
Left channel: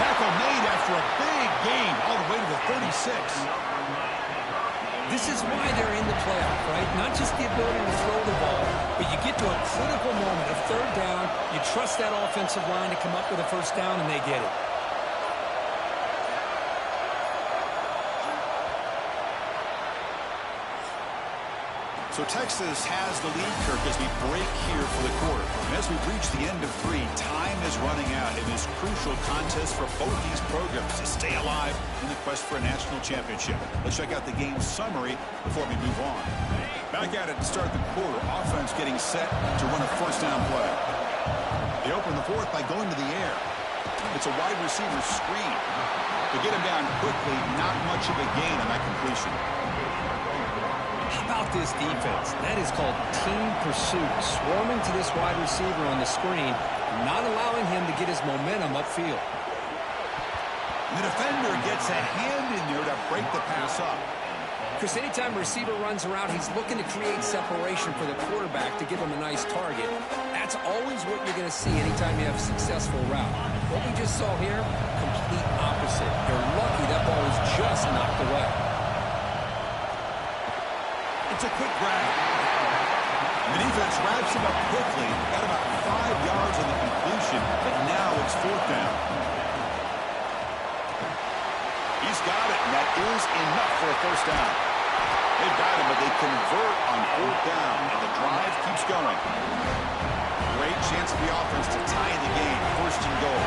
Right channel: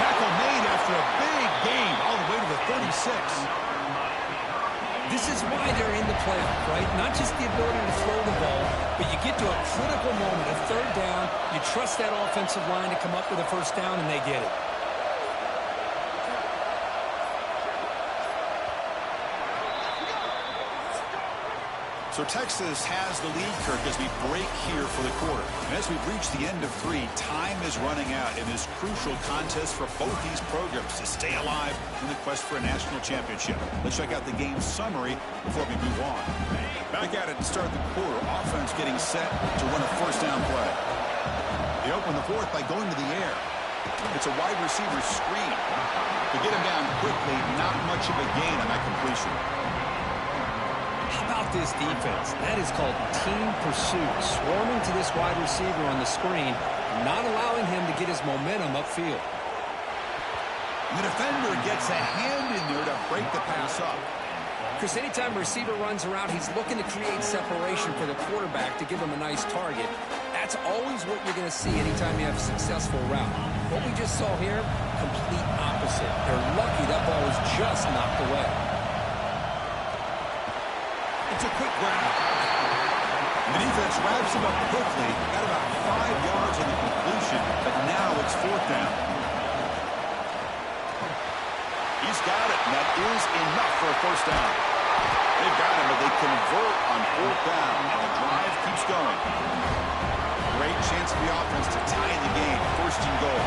Tackle made after a big gain all the way to the 36. This is why they're in the playoff, right? Not just the ability to throw the ball, but you get to a critical moment, a 3rd down, you trust that offensive line to come up with a 1st down, and they get it. So Texas has the lead, Kirk, as we break here for the quarter. And as we reach the end of 3, time is running out in this crucial contest for both these programs to stay alive in the quest for a national championship. Let's check out the game summary before we move on. Back at it to start the quarter. Offense getting set to run a 1st down play. They open the 4th by going to the air. It's a wide receiver screen. To get him down quickly, not much of a gain on that completion. How about this defense? That is called team pursuit. Swarming to this wide receiver on the screen, not allowing him to get his momentum upfield. And the defender gets a hand in there to break the pass up. Chris, anytime a receiver runs around, he's looking to create separation for the quarterback to give him a nice target. That's always what you're going to see anytime you have a successful route. What we just saw here, complete opposite. They're lucky that ball was just knocked away. It's a quick grab. And the defense wraps him up quickly. Got about 5 yards on the completion, but now it's 4th down. He's got it, and that is enough for a 1st down. They've got him, but they convert on 4th down, and the drive keeps going. Great chance for the offense to tie the game. 1st and goal.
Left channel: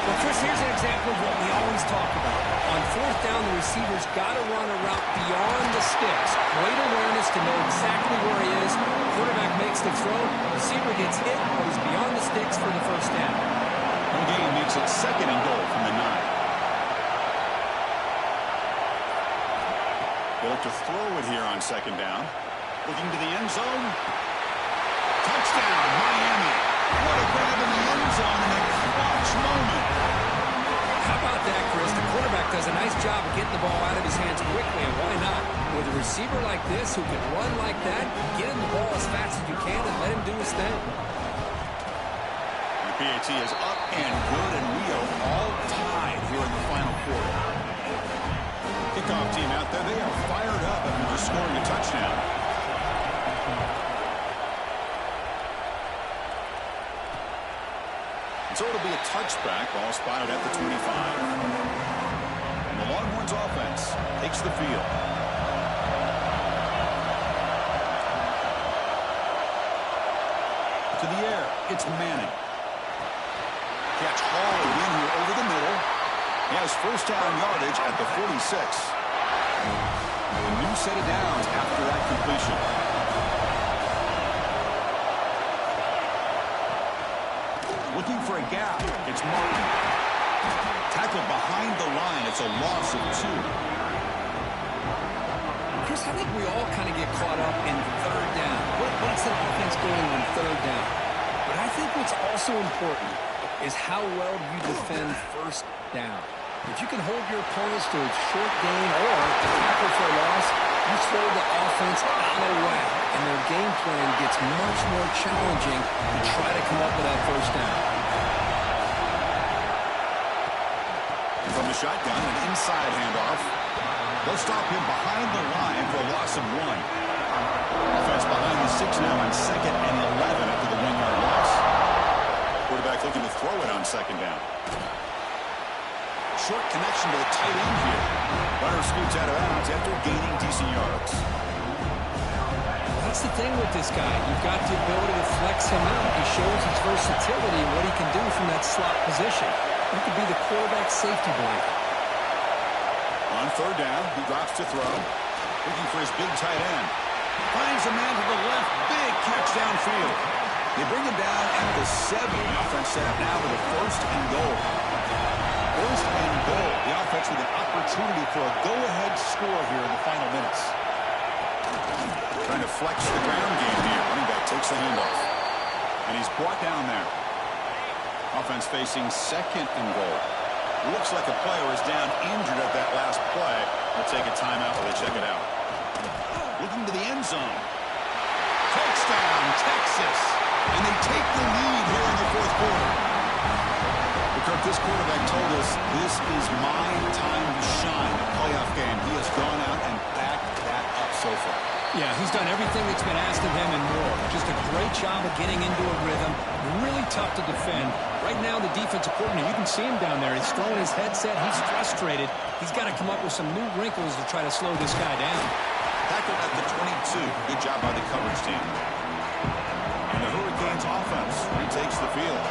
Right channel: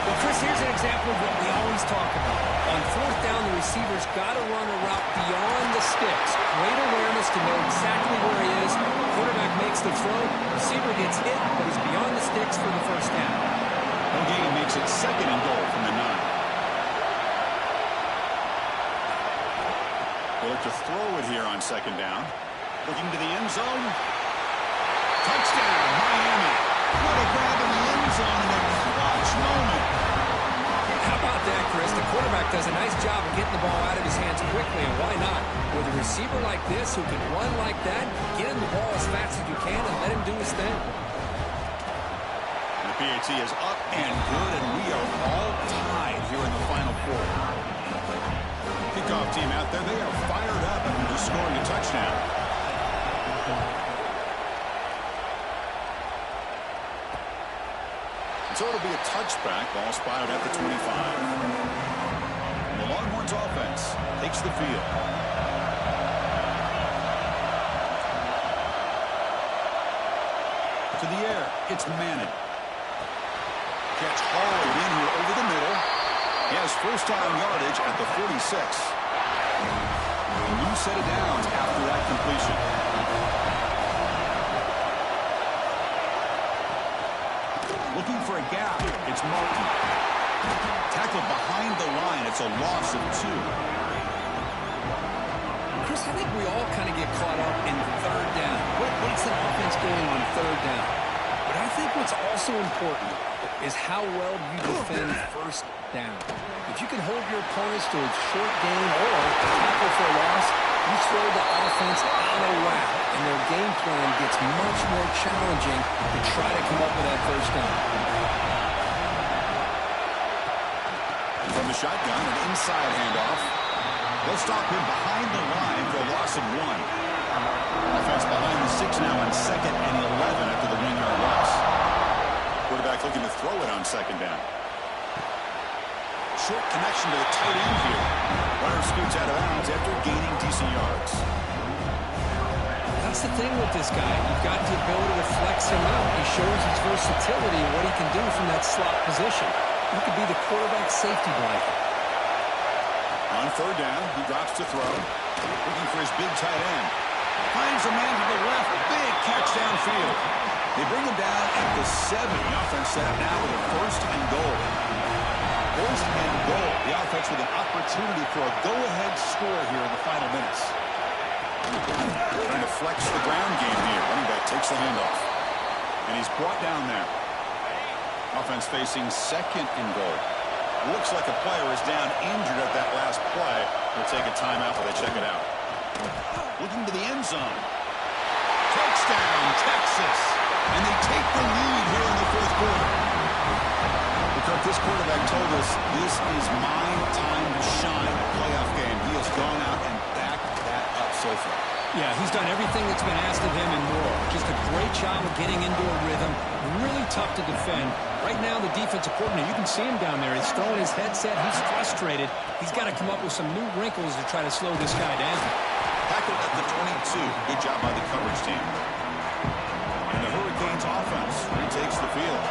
Well, Chris, here's an example of what we always talk about. On 4th down, the receiver's got to run a route beyond the sticks. Great awareness to know exactly where he is. Quarterback makes the throw. Receiver gets hit, but he's beyond the sticks for the 1st down. No gain makes it 2nd and goal from the 9. They look to throw it here on 2nd down. Looking to the end zone. Touchdown, Miami. What a grab in the end zone in a clutch moment. How about that, Chris? The quarterback does a nice job of getting the ball out of his hands quickly, and why not? With a receiver like this who can run like that, get him the ball as fast as you can and let him do his thing. The PAT is up and good, and we are all tied here in the final quarter. Kickoff team out there, they are fired up after just scoring a touchdown. So it'll be a touchback, ball spotted at the 25. And the Longhorns offense takes the field. To the air, it's Manning. Catch hauled in here over the middle. He has first down yardage at the 46. A new set of downs after that completion. Looking for a gap. It's Martin. Tackled behind the line. It's a loss of 2. Chris, I think we all kind of get caught up in third down. What's an offense doing on third down? But I think what's also important is how well you defend first down. If you can hold your opponents to a short gain or a tackle for a loss, you throw the offense out of whack, and their game plan gets much more challenging to try to come up with that first down. From the shotgun, an inside handoff. They'll stop him behind the line for a loss of 1. Offense behind the 6 now on 2nd and 11 after the 1-yard loss. Quarterback looking to throw it on 2nd down. Short connection to the tight end here. Runner scoots out of bounds after gaining decent yards. That's the thing with this guy. You've got the ability to flex him out. He shows his versatility and what he can do from that slot position. He could be the quarterback's safety blanket. On third down, he drops to throw. Looking for his big tight end. Finds a man to the left. Big catch downfield. They bring him down at the 7. The offense set up now with a 1st and goal. 1st and goal. The offense with an opportunity for a go-ahead score here in the final minutes. Trying to flex the ground game here. Running back takes the handoff. And he's brought down there. Offense facing 2nd and goal. Looks like a player is down injured at that last play. We'll take a timeout while they check it out. Looking to the end zone. Touchdown, Texas. And they take the lead here in the 4th quarter. Kirk, this quarterback told us this is my time to shine, a playoff game. He has gone out and backed that up so far. Yeah, he's done everything that's been asked of him and more. Just a great job of getting into a rhythm. Really tough to defend. Right now, the defensive coordinator, you can see him down there. He's throwing his headset. He's frustrated. He's got to come up with some new wrinkles to try to slow this guy down. Tackled at the 22. Good job by the coverage team. And the Hurricanes offense retakes the field.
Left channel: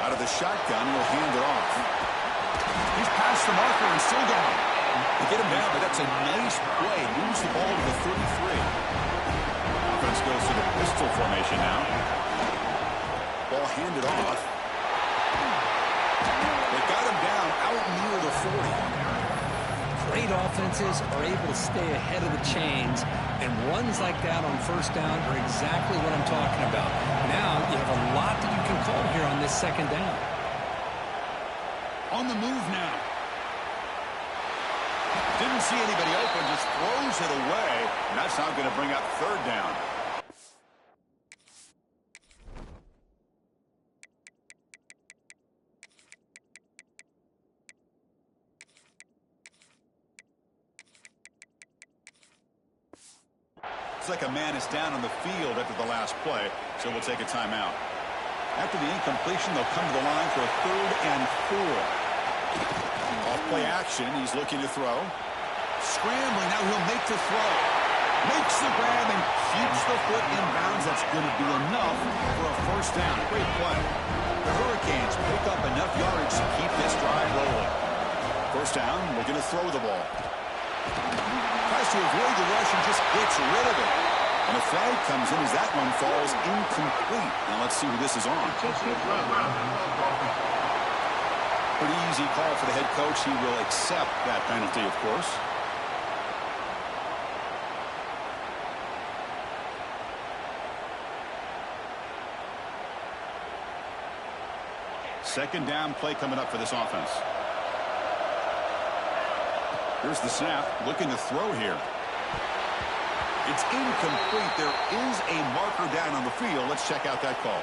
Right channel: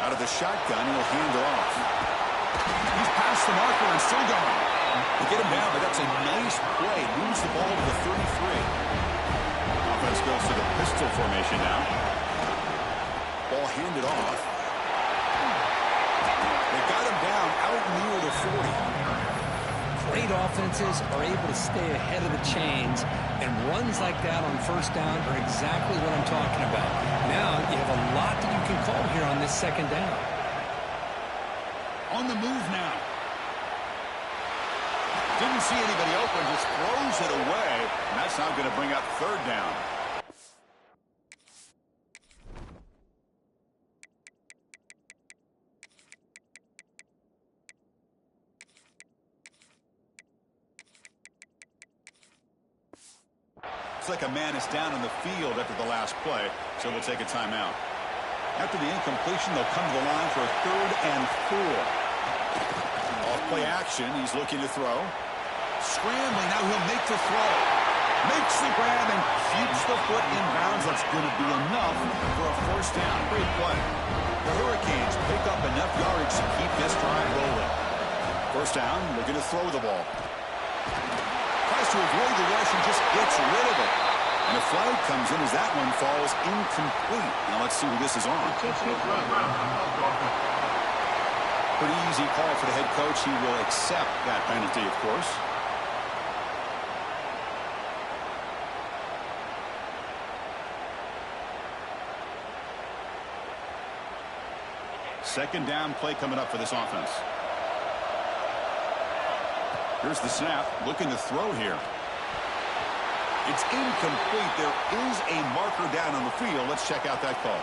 Out of the shotgun, he'll hand it off. He's past the marker and still going. They get him down, but that's a nice play. Moves the ball to the 33. Offense goes to the pistol formation now. Ball handed off. They got him down out near the 40. Great offenses are able to stay ahead of the chains, and runs like that on first down are exactly what I'm talking about. Now you have a lot that you can call here on this 2nd down. On the move now. Didn't see anybody open, just throws it away, and that's now going to bring up 3rd down. Looks like a man is down on the field after the last play, so we'll take a timeout. After the incompletion, they'll come to the line for a 3rd and 4. Off play action, he's looking to throw. Scrambling, now he'll make the throw. Makes the grab and keeps the foot in bounds. That's going to be enough for a 1st down. Great play. The Hurricanes pick up enough yardage to keep this drive rolling. 1st down, looking to throw the ball. Tries to avoid the rush and just gets rid of it. And a flag comes in as that one falls incomplete. Now let's see who this is on. Pretty easy call for the head coach. He will accept that penalty, of course. Second down play coming up for this offense. Here's the snap. Looking to throw here. It's incomplete. There is a marker down on the field. Let's check out that call.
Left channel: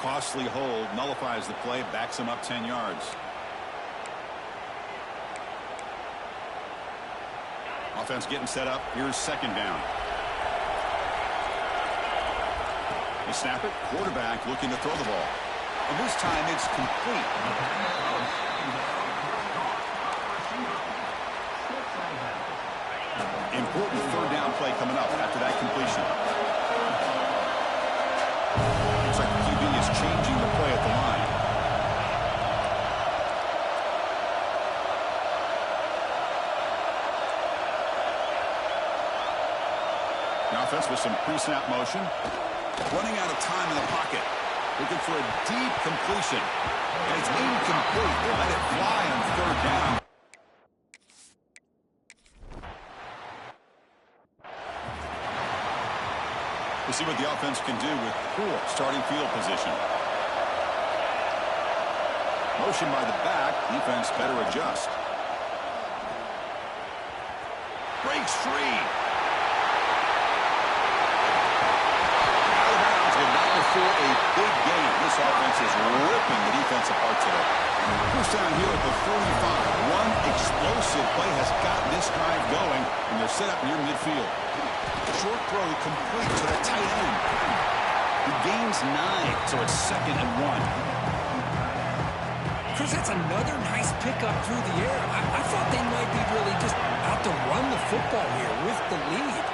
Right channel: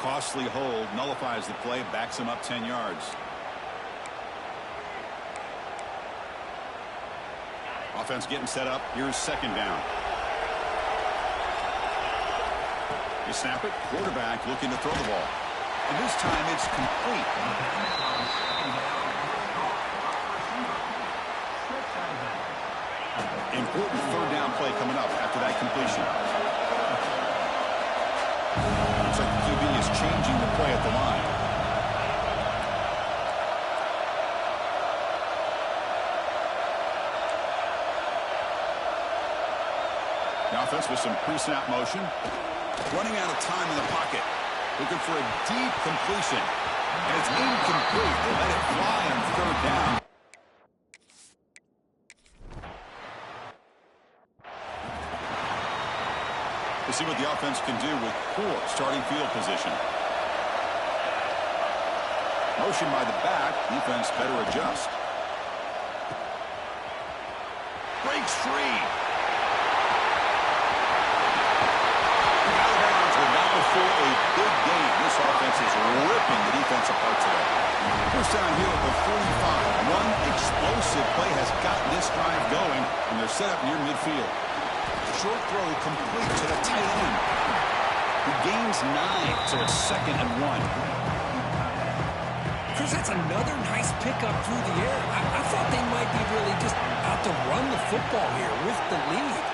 Costly hold, nullifies the play, backs him up 10 yards. Offense getting set up. Here's second down. You snap it. Quarterback looking to throw the ball. And this time it's complete. Important third down play coming up after that completion. Looks like the QB is changing the play at the line. The offense with some pre-snap motion. Running out of time in the pocket. Looking for a deep completion. And it's incomplete. They let it fly on third down. We'll see what the offense can do with poor starting field position. Motion by the back. Defense better adjust. Breaks free. Out of bounds, but not before a big game. This offense is ripping the defense apart today. First down here at the 45. One explosive play has gotten this drive going, and they're set up near midfield. Short throw complete to the tight end. He gains 9, so it's 2nd and 1. Chris, that's another nice pickup through the air. I thought they might be really just out to run the football here with the lead.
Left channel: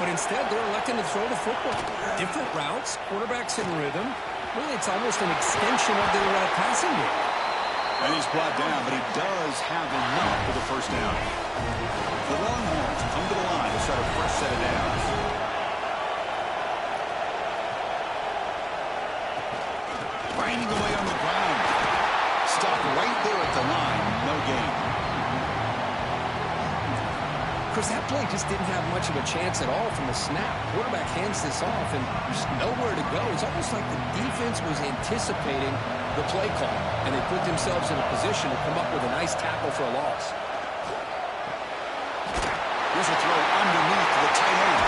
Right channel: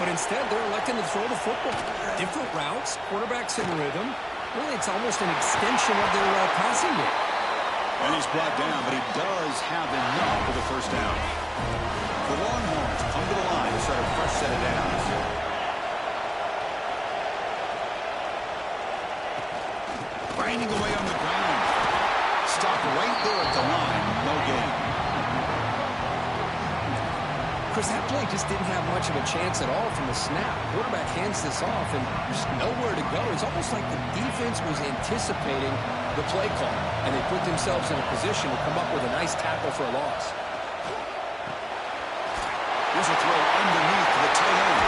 But instead, they're electing to throw the football. Different routes, quarterbacks in rhythm. Really, it's almost an extension of their passing game. And he's brought down, but he does have enough for the first down. The Longhorns come to the line to start a fresh set of downs. Grinding away on the ground. Stopped right there at the line. No gain. Chris, that play just didn't have much of a chance at all from the snap. Quarterback hands this off, and there's nowhere to go. It's almost like the defense was anticipating the play call, and they put themselves in a position to come up with a nice tackle for a loss. Here's a throw underneath to the tight end.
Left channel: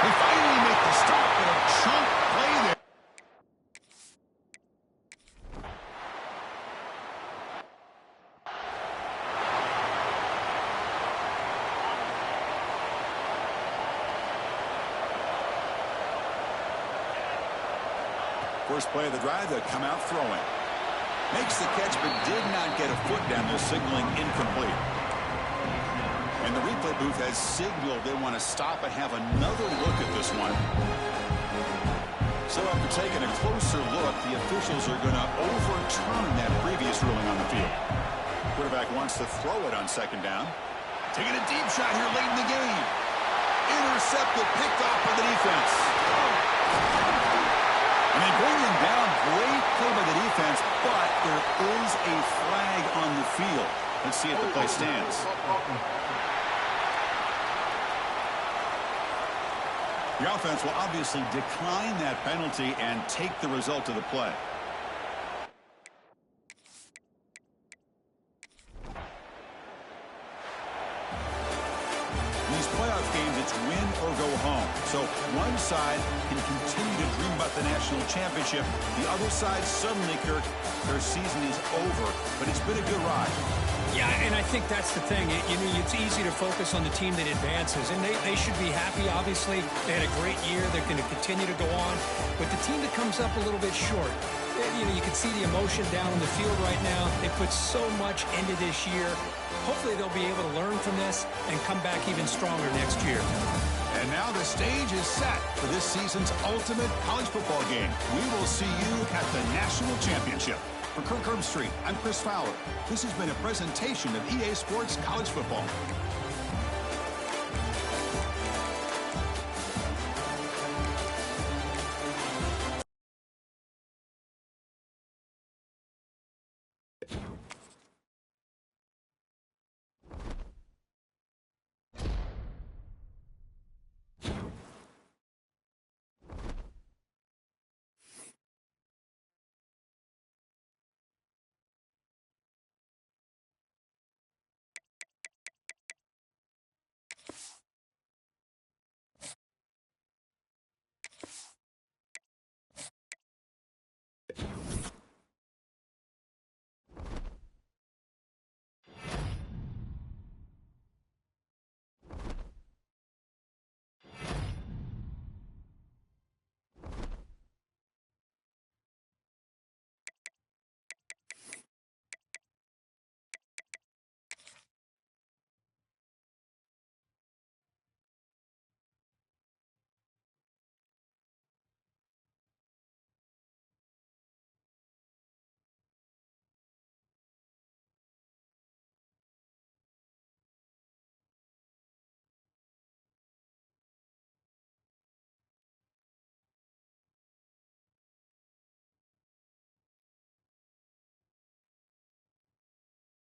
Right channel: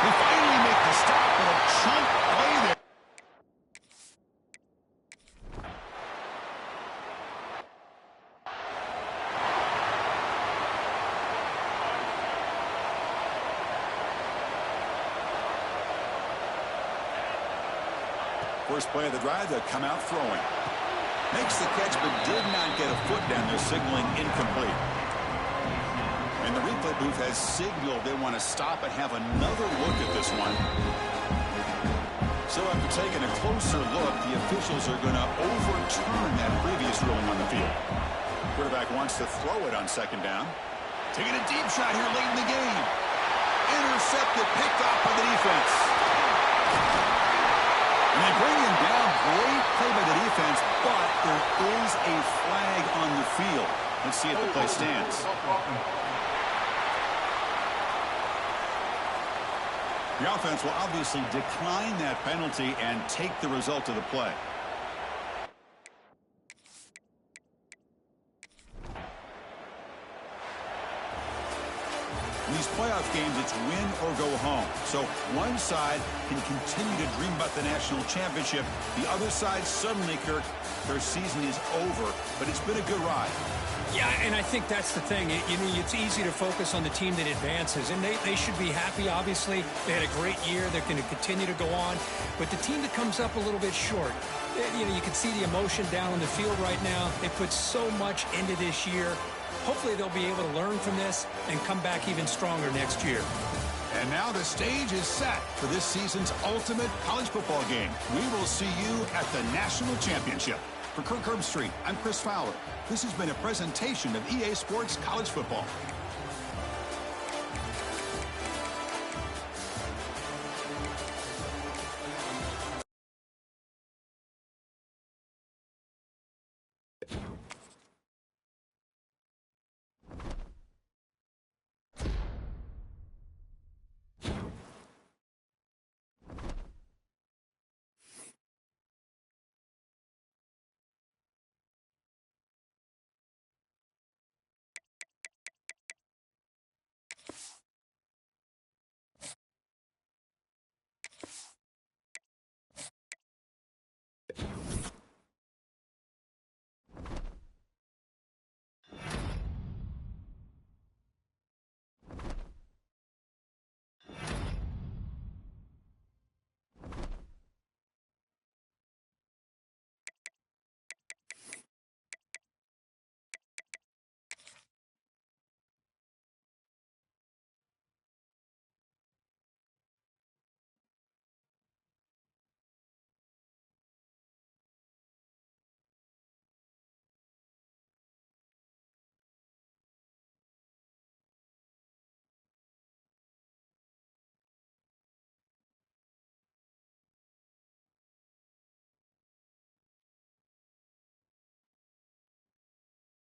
They finally make the stop, but a chunk play there. First play of the drive, they'll come out throwing. Makes the catch, but did not get a foot down there, signaling incomplete. And the replay booth has signaled they want to stop and have another look at this one. So after taking a closer look, the officials are going to overturn that previous ruling on the field. Quarterback wants to throw it on second down. Taking a deep shot here late in the game. Intercepted, picked off by the defense. And they bring him down. Great play by the defense, but there is a flag on the field. Let's see if the play stands. The offense will obviously decline that penalty and take the result of the play. In these playoff games, it's win or go home. So one side can continue to dream about the national championship. The other side suddenly, Kirk, their season is over. But it's been a good ride. Yeah, and I think that's the thing. It's easy to focus on the team that advances, and they should be happy, obviously. They had a great year. They're going to continue to go on. But the team that comes up a little bit short, you can see the emotion down on the field right now. They put so much into this year. Hopefully they'll be able to learn from this and come back even stronger next year. And now the stage is set for this season's ultimate college football game. We will see you at the national championship. For Kirk Herbstreit, I'm Chris Fowler. This has been a presentation of EA Sports College Football.